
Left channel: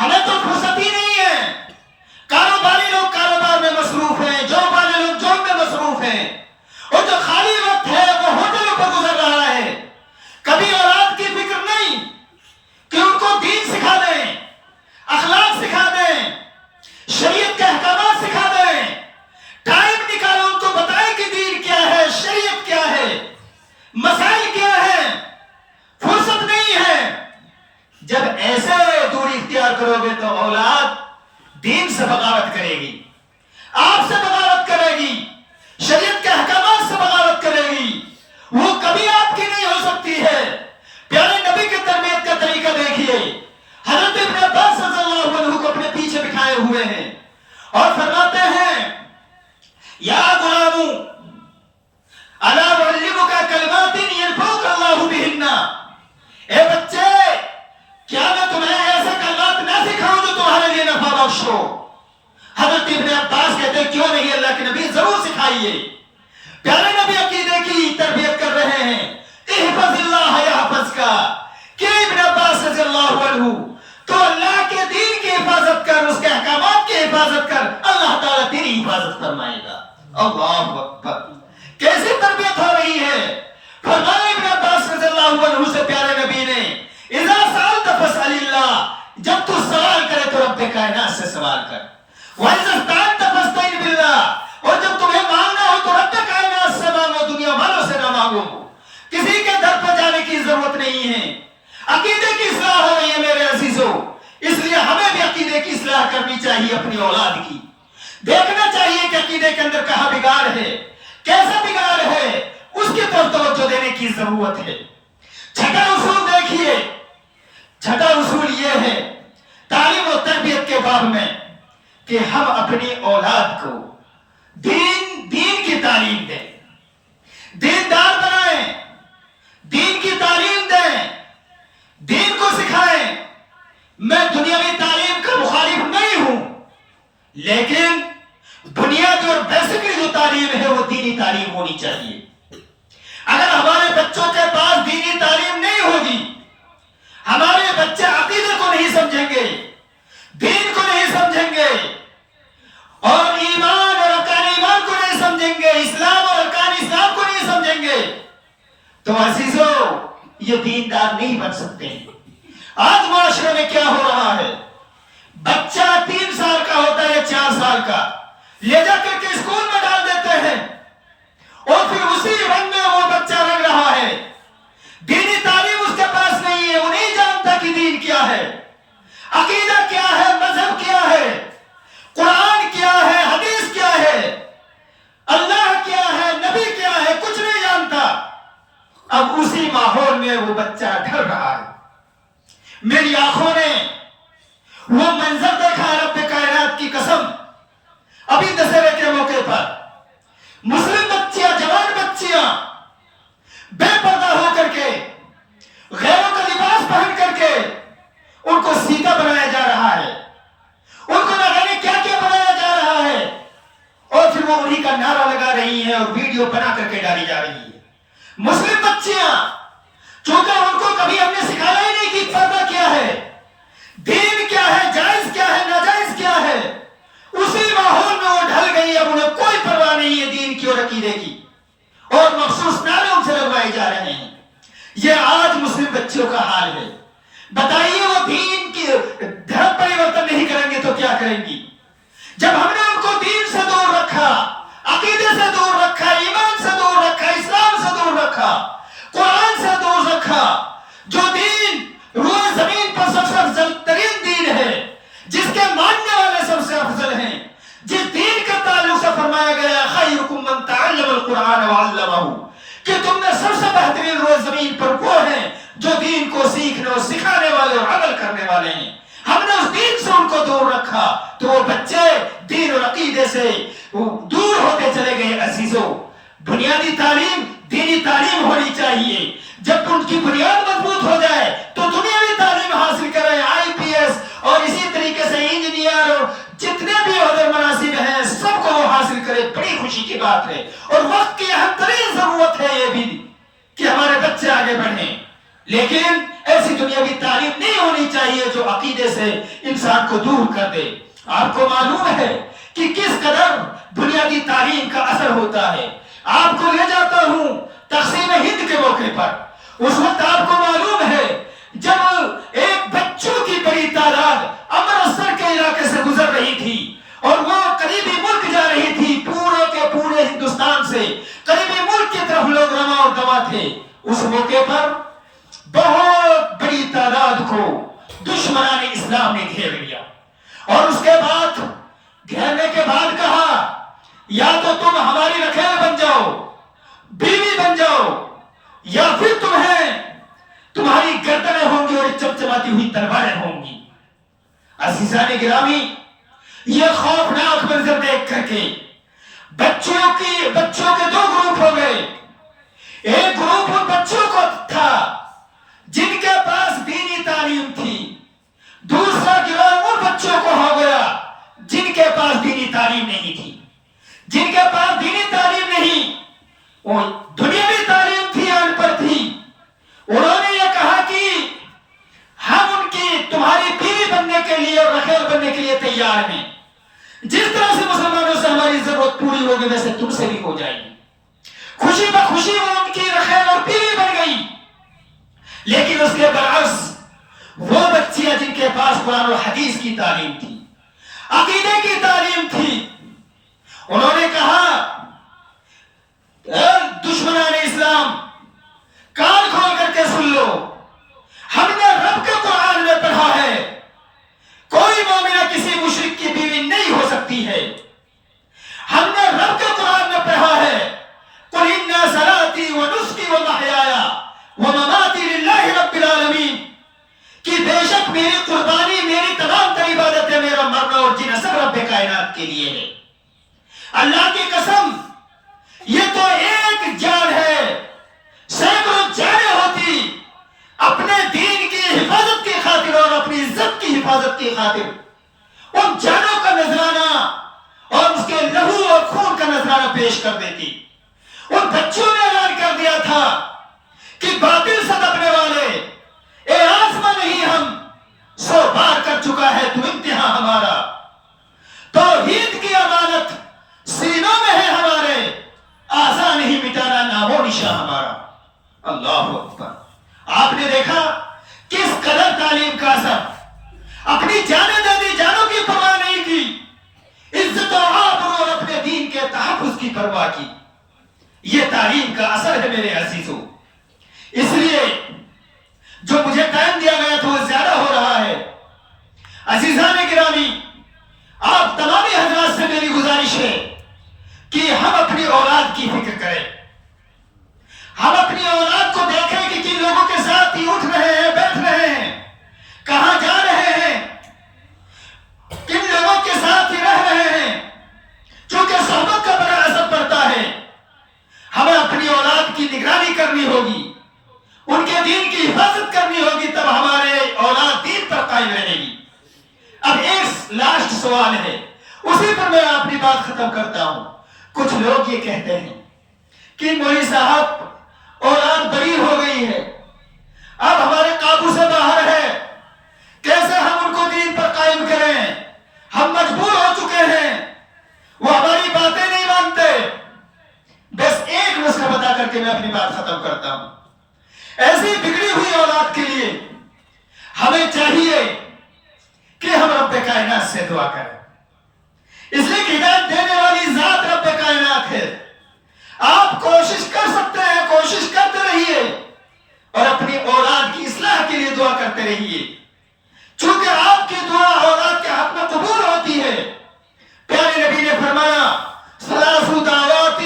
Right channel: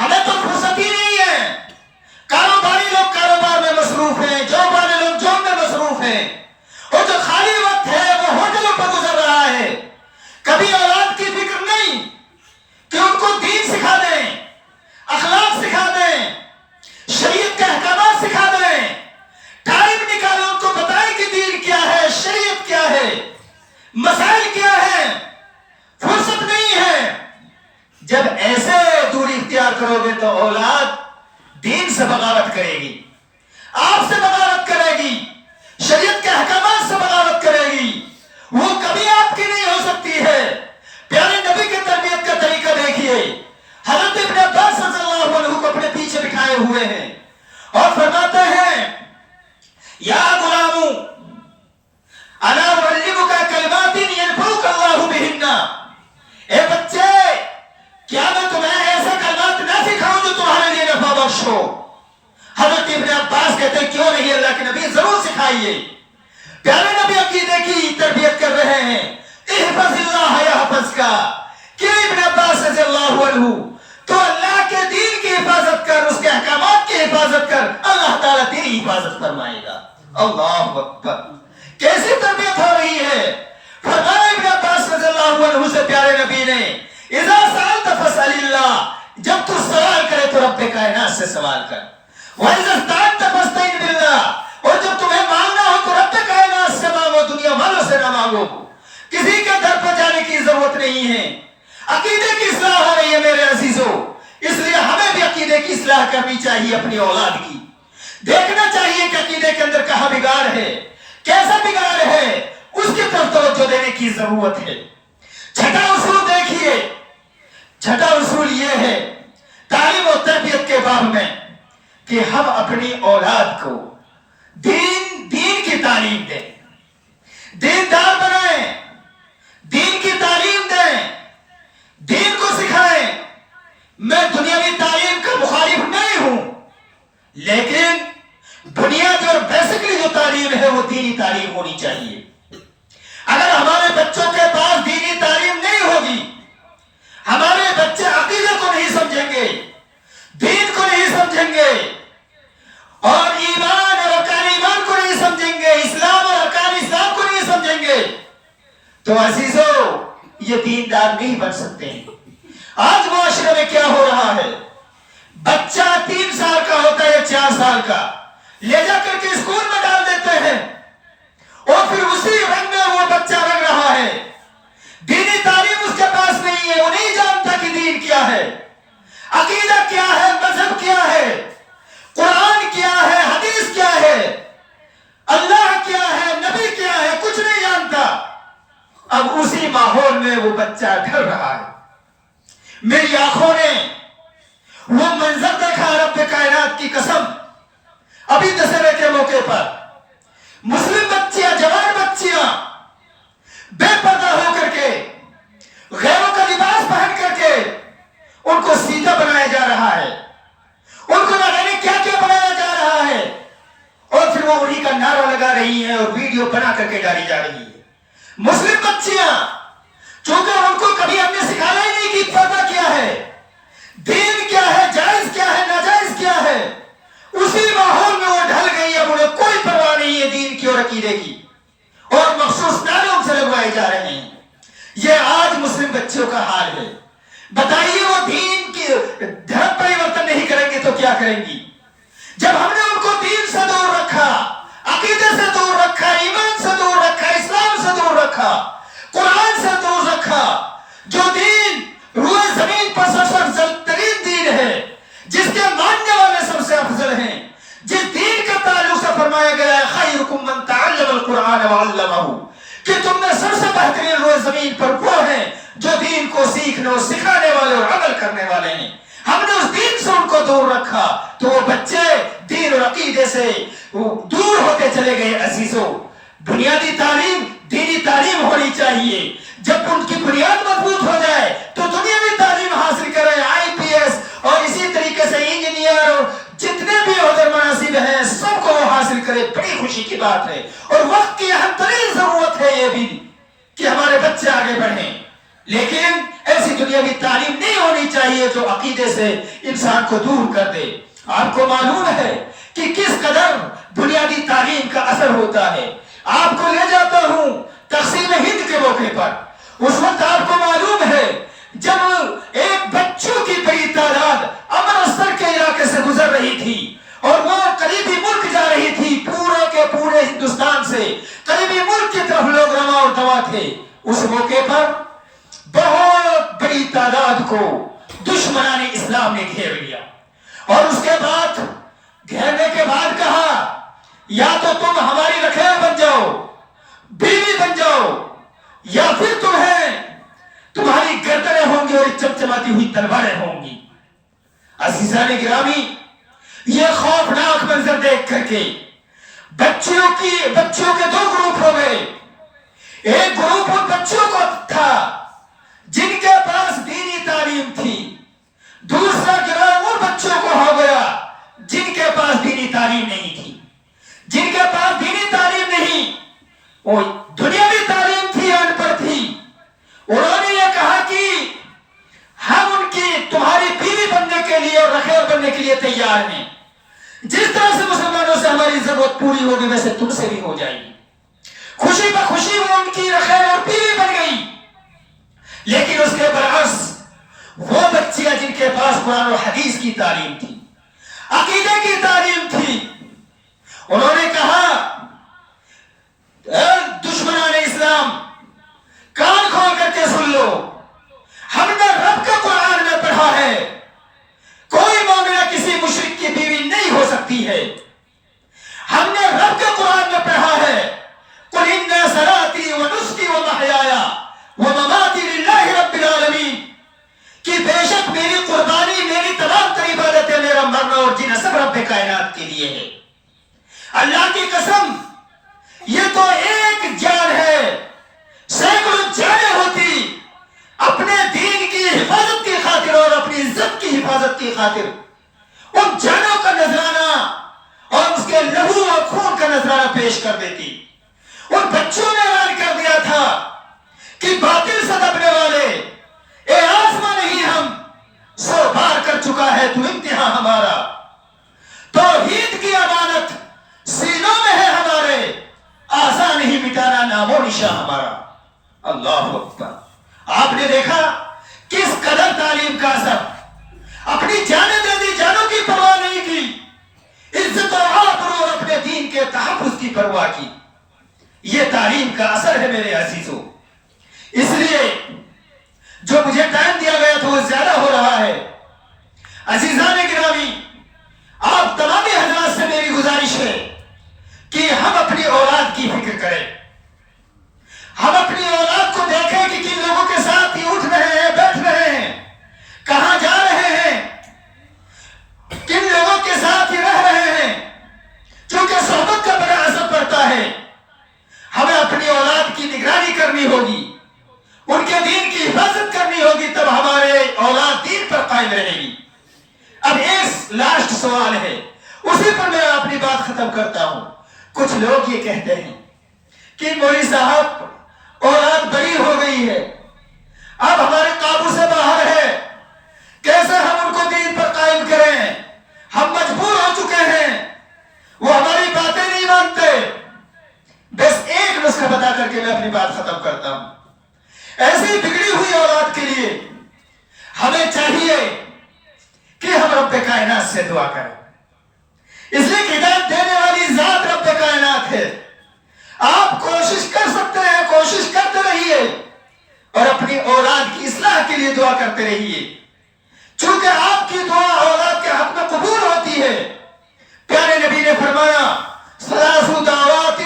ہمیں تو فرصت ہی نہیں ہے. کاروباری لوگ کاروبار میں مصروف ہیں، جاب والے لوگ جاب میں مصروف ہیں، اور جو خالی وقت ہے وہ ہوٹلوں پر گزر رہا ہے. کبھی اولاد کی فکر نہیں کہ ان کو دین سکھا دیں، اخلاق سکھا دیں، شریعت کے احکامات سکھا دیں. ٹائم نکالو، ان کو بتائیں کہ دین کیا ہے، شریعت کیا ہے، مسائل کیا ہے. فرصت نہیں ہے. جب ایسے دوری اختیار کرو گے تو اولاد دین سے بغاوت کرے گی، آپ سے بغاوت کرے گی، شریعت کے احکامات سے بغاوت کرے گی، وہ کبھی آپ کی نہیں ہو سکتی ہے۔ پیارے نبی کے تربیت کا طریقہ دیکھیے، حضرت ابن عباس رضی اللہ عنہ کو اپنے پیچھے بٹھائے ہوئے ہیں اور فرماتے ہیں یا غلام الا اعلمک کلمات ينفعك اللہ بہن، اے بچے کیا میں تمہیں ایسے کلمات نہ سکھاؤں جو تمہارے لیے نفع بخش ہو؟ حضرت ابن عباس کہتے ہیں کیوں نہیں اللہ کے نبی، ضرور سکھائیے۔ پیارے نبی عقیدے کی تربیت کر رہے ہیں، احفظ اللہ یحفظ کا، کہ ابن عباس رضی اللہ عنہ تو اللہ کے دین کی حفاظت کر، اس کے احکامات کی حفاظت کر، اللہ تعالیٰ تیری حفاظت فرمائے گا۔ اللہ اکبر، کیسی تربیت ہو رہی ہے۔ فرمایا ابن عباس رضی اللہ عنہ سے پیارے نبی نے اذا سألت فاسأل اللہ، جب تو سوال کرے تو رب کائنات سے سوال کر، وَإِذَا اسْتَعَنْتَ فَاسْتَعِنْ بِاللَّهِ، اور جب تمہیں مانگنا ہو تو رب کائنات سے مانگو، دنیا والوں سے نہ مانگو۔ کسی کے در پر جانے کی ضرورت نہیں ہے۔ عقیدے کی اصلاح ہو رہی ہے میرے عزیزوں، اس لیے ہمیں بھی عقیدے کی اصلاح کرنی چاہیے، اپنی اولاد کی دیکھنا چاہیے کہ عقیدے کے اندر کہاں بگاڑ ہے، کیسا بگاڑ ہے، اس کی طرف توجہ دینے کی ضرورت ہے۔ چھٹا اصول دیکھیے، چھٹا اصول یہ ہے تعلیم و تربیت کے باب میں کہ ہم اپنی اولاد کو دین کی تعلیم دیں، دیندار بنائیں، دین کی تعلیم دیں، دین کو سکھائیں۔ میں دنیاوی تعلیم کا مخالف نہیں ہوں، لیکن بنیادی اور بیسکلی جو تعلیم ہے وہ دینی تعلیم ہونی چاہیے۔ اگر ہمارے بچوں کے پاس دینی تعلیم نہیں ہوگی، ہمارے بچے عقیدے کو نہیں سمجھیں گے، دین کو نہیں سمجھیں گے، اور ایمان اور ارکان ایمان کو نہیں سمجھیں گے، اسلام اور ارکان اسلام کو نہیں سمجھیں گے، تو عزیزو یہ دیندار نہیں بن سکتے ہیں۔ آج معاشرے میں کیا ہو رہا ہے، بچہ 3 سال کا ہوتا ہے یا 4 سال کا، لے جا کر کے اسکول میں ڈال دیتے ہیں اور پھر اسی رنگ میں وہ بچہ رنگ رہا ہے۔ دینی تعلیم اس کے پاس نہیں ہے، وہ نہیں جانتا کہ دین کیا ہے، عقیدہ کیا ہے، مذہب کیا ہے، قرآن کیا ہے، حدیث کیا ہے، اللہ کیا ہے، نبی کیا ہے، کچھ نہیں جانتا۔ اب اسی ماحول میں وہ بچہ ڈھل رہا ہے۔ میری آنکھوں نے وہ منظر دیکھا، رب کائنات کی قسم، ابھی دسہرے کے موقع پر مسلم بچیاں، جوان بچیاں بے پردہ ہو کر کے، غیروں کا لباس پہن کر کے ان کو سیدھا بنایا جا رہا ہے، ان کو نہ جانے کیا کیا بنایا جا رہا ہے، اور پھر وہ انہی کا نعرہ لگا رہی ہیں اور ویڈیو بنا کر کے ڈالی جا رہی ہے۔ مسلم بچیاں، چونکہ ان کو کبھی ہم نے سکھایا ہی نہیں کہ پردہ کیا ہے، دین کیا ہے، جائز کیا ہے، ناجائز کیا ہے، اسی ماحول میں وہ ڈھل گئی۔ اب انہیں کوئی پرواہ نہیں ہے دین کی اور عقیدے کی، اور مخصوص نعرے ان سے لگوائے جا رہے ہیں۔ یہ آج مسلم بچوں کا حال ہے۔ بتائیے وہ دین کی دھرم پریورتن نہیں کریں گے تو کیا کریں گی؟ جب ہم نے ان کو دین سے دور رکھا، عقیدے سے دور رکھا، ایمان سے دور رکھا، اسلام سے دور رکھا، قرآن سے دور رکھا، جو دین روئے زمین پر سب سے افضل ترین دین ہے، جس کے ماننے والے سب سے افضل ہیں، جس دین کے تعلق سے فرمایا گیا ہے خیرکم من تعلم القرآن وعلمہ، کہ تم نے سب سے بہترین روئے زمین پر وہ ہیں جو دین کو سیکھنے اور سکھانے والے اور عمل کرنے والے ہیں۔ ہم نے اس دین سے ان کو دور رکھا تو وہ بچے دین اور عقیدے سے دور ہوتے چلے گئے۔ عزیزو، بنیادی تعلیم دینی تعلیم ہونی چاہیے۔ جب ان کی بنیاد مضبوط ہو جائے تو دنیاوی تعلیم حاصل کریں، IPS اور اسی طریقے سے انجینئر اور جتنے بھی عہدے مناصب ہیں سب کو وہ حاصل کرے، بڑی خوشی کی بات ہے۔ اور وقت کی اہم ترین ضرورت ہے یہ بھی کہ ہمارے بچے آگے بڑھیں، لیکن ایسی دنیاوی تعلیم نہیں ہونی چاہیے جو عقیدے سے انسان کو دور کر دے۔ آپ کو معلوم ہے کہ کس قدر بنیادی تعلیم کا اثر ہوتا ہے۔ آپ کو لے جاتا ہوں تقسیم ہند کے موقع پر، اس وقت آپ کو معلوم ہے جب ایک بچوں کی بڑی تعداد امرتسر کے علاقے سے گزر رہی تھی اور وہ قریبی ملک جا رہی تھی، پورے کے پورے ہندوستان سے قریبی ملک کی طرف لوگ رواں اور دوا تھے، اس موقع پر بہت بڑی تعداد کو دشمنان اسلام نے گھیر لیا، اور اس کے بعد کہنے کے بعد کہا یا تو تم ہماری رکھیل بن جاؤ، بیوی بن جاؤ، یا پھر تمہاری گردنیں ہوں گی اور چمچماتی ہوئی تلواریں ہوں گی۔ عزیزان گرامی، یہ خوفناک منظر دیکھ کر کے بچوں کے دو گروپ ہو گئے۔ ایک گروپ ان بچوں کو تھا جن کے پاس دینی تعلیم تھی، دوسرا گروہ ان بچوں کو ہو گیا جن کے پاس دینی تعلیم نہیں تھی۔ جن کے پاس دینی تعلیم نہیں، وہ دنیاوی تعلیم تھی، ان پر تھی، انہوں نے یہ کہا کہ ہم ان کی تمہاری بیوی بننے کے لیے اور رکھیل بننے کے لیے تیار ہیں، جس طرح سے مسلمانوں سے ہماری ضرورت پوری ہوگی ویسے تم سے بھی ہو جائے گی۔ خوشی بخوشی وہ ان کی رکھیل اور بیوی بن گئی۔ لیکن اس کے برعکس وہ بچیاں جن کے پاس قرآن و حدیث کی تعلیم تھی، عقیدے کی تعلیم تھی، انہوں نے کہا اے دشمنان اسلام، کان کھول کر کے سن لو، ہم نے رب کے قرآن میں پڑھا ہے کوئی مومنہ کسی مشرک کی بیوی نہیں ہو سکتی ہے۔ ہم نے رب کے قرآن میں پڑھا ہے قُلْ إِنَّ صَلَاتِي وَنُسْكِي وَمَحْيَايَ وَمَمَاتِي لِلَّهِ رَبِّ الْعَالَمِينَ، کہ بے شک میری قربانی، میری تمام تر عبادتیں، میرا مرنا اور جینا سب رب کائنات کے لیے ہے۔ اللہ کی قسم، یہ تو ایک جان ہے، سینکڑوں جانیں ہوتی اپنے دین کی حفاظت کی خاطر اور اپنی عزت کی حفاظت کی خاطر ان جانوں کا نذرانہ اور اس کے لہو اور خون کا نذرانہ پیش کر دیتی۔ ان بچوں نے اعلان کر دیا تھا کہ باطل سے دبنے والے، اے آزما نہیں ہم، سو بار کر چکا ہے تو امتحان ہمارا، توحید کی امانت سینوں میں ہے ہمارے، آسان نہیں مٹانا نام و نشان ہمارا۔ اللہ اکبر۔ آپ نے دیکھا کس قدر تعلیم کا اثر، اپنی جانیں دے دی، جانوں کی پرواہ نہیں کی، عزت و آبرو اور اپنے دین کے تحفظ کی پرواہ کی۔ یہ تعلیم کا اثر ہے میرے عزیزوں۔ اس لیے جو مجھے ٹائم دیا گیا تھا وہ زیادہ ہو رہا ہے۔ عزیزان گرامی، آپ تمام حضرات سے میری گزارش ہے کہ ہم اپنی اولاد کی فکر کریں، ہم اپنی اولاد کو دیکھیں کہ کن لوگوں کے ساتھ ہی اٹھ رہے ہیں، بیٹھ رہے ہیں، کہاں جا رہے ہیں، کن لوگوں کے ساتھ ہی رہ رہے ہیں، چونکہ صحبت کا بڑا اثر پڑتا ہے۔ ہمیں اپنی اولاد کی نگرانی کرنی ہوگی، ان کے دین کی حفاظت کرنی ہوگی، تب ہمارے اولاد دین پر قائم رہے گی۔ اب ایک لاسٹ سوال ہے، اسی پر میں اپنی بات ختم کرتا ہوں۔ کچھ لوگ یہ کہتے ہیں کہ مولوی صاحب اولاد بڑی ہو گئی ہے، اب ہمارے قابو سے باہر ہے، کیسے ہم ان کو دین پر قائم کریں، ہم مجبور ہو چکے ہیں، وہ ہماری باتیں نہیں مانتے۔ بس ایک نسخہ بتا کر کے میں اپنی بات ختم کرتا ہوں۔ ایسی بگڑی ہوئی اولاد کے لیے ہمیں چاہیے کہ ہم رب کائنات سے دعا کریں، اس لیے کہ ہدایت دینے والی ذات رب کائنات ہے۔ آپ کوشش کر سکتے ہیں، کوشش کرتے رہیے اور اپنی اولاد کی اصلاح کے لیے دعا کرتے رہیے، چونکہ آپ کی دعا اولاد کے حق میں قبول ہوتی ہے۔ پیارے نبی نے فرمایا ثلاث دعوات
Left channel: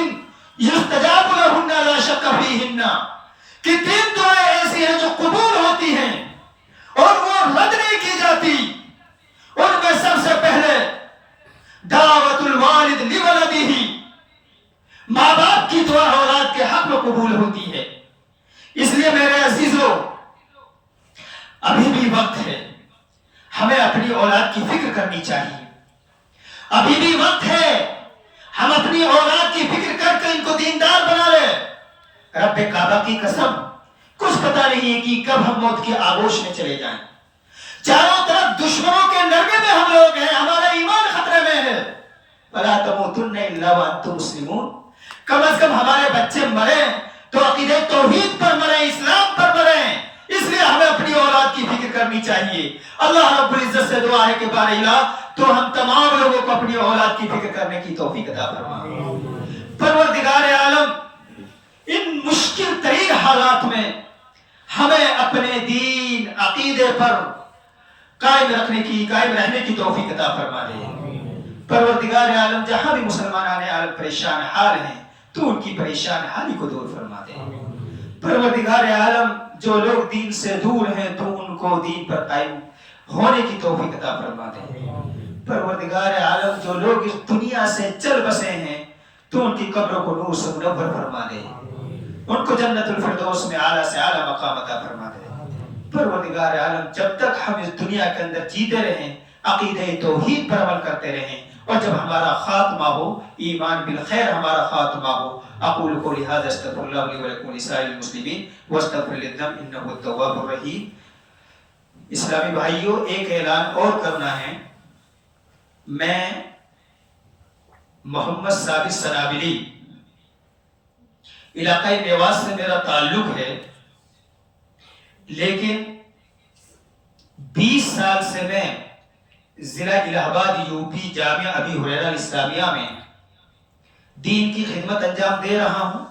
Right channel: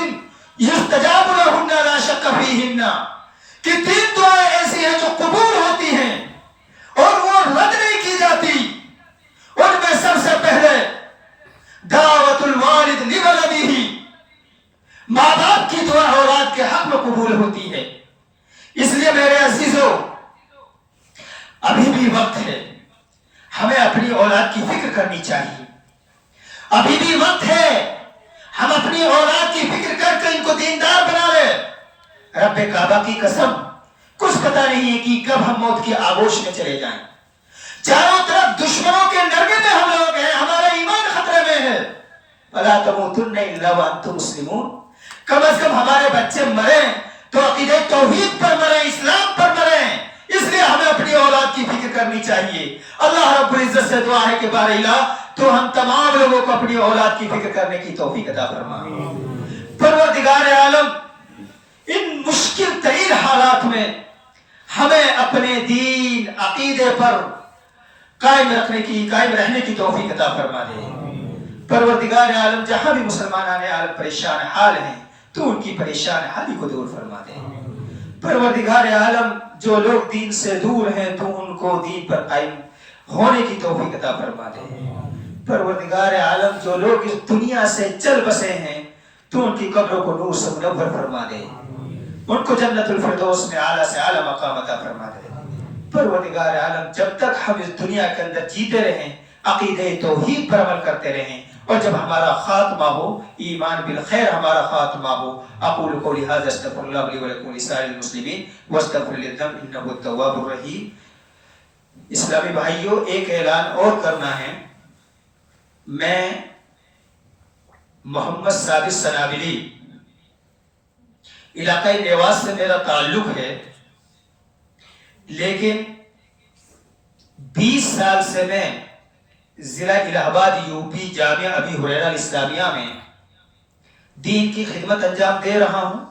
یستجاب لہن لا شک فیہن، کہ تین دعائیں ایسی ہیں جو قبول ہوتی ہیں اور وہ رد نہیں کی جاتی۔ ان میں سب سے پہلے دعوت الوالد لولدہ، ماں باپ کی دعا اولاد کے حق میں قبول ہوتی ہے۔ اس لیے میرے عزیزو، ابھی بھی وقت ہے، ہمیں اپنی اولاد کی فکر کرنی چاہیے۔ ابھی بھی وقت ہے، ہم اپنی اولاد کی فکر کر کے ان کو دیندار بنا لیں۔ رب کعبہ کی قسم، کچھ پتہ نہیں ہے کہ کب ہم موت کی آغوش میں چلے جائیں۔ چاروں طرف دشمنوں کے نرمے میں ہم لوگ ہیں، ہمارا ایمان خطرے میں ہے۔ فَلَا تَمُوتُنَّ إِلَّا وَأَنْتُمْ مُسْلِمُونَ، کم از کم ہمارے بچے مریں تو عقیدہ توحید پر مریں، اسلام پر مریں۔ اس لیے ہمیں اپنی اولاد کی فکر کرنی چاہیے۔ اللہ رب العزت سے دعا ہے کہ بار الہ تو ہم تمام لوگوں کو اپنی اولاد کی فکر کرنے کی توفیق عطا فرما۔ پروردگار عالم، ان مشکل ترین حالات میں ہمیں اپنے دین عقیدے پر قائم رہنے کی توفیق عطا فرما دے۔ پروردگار عالم جہاں بھی مسلمان عالم پریشان حال ہیں تو ان کی پریشان حالی کو دور فرما دے. پروردگار عالم جو لوگ دین سے دور ہیں تو ان کو دین پر قائم ہونے کی توفیق عطا فرما دے. پروردگار عالم جو لوگ اس دنیا سے چل بسے ہیں تو ان کی قبروں کو نور سے منور فرما دے. ان کو جنت الفردوس میں اعلیٰ سے اعلیٰ مقام عطا فرما دے. پروردگار عالم جب تک ہم اس دنیا کے اندر جیتے رہیں عقیدہ توحید پر عمل کرتے رہیں اور جب ہمارا خاتمہ ہو ایمان بالخیر ہمارا خاتمہ ہو. اقول قولی ھذا استغفر اللہ لی ولکم ولسائر المسلمین واستغفر للذنب انہ هو التواب الرحیم. اسلامی بھائیوں ایک اعلان اور کرنا ہے. میں محمد ثابت سنابلی علاقہ نیواز سے میرا تعلق ہے لیکن 20 سال سے میں ضلع الہ آباد یو پی جامعہ ابی ہریرہ اسلامیہ میں دین کی خدمت انجام دے رہا ہوں.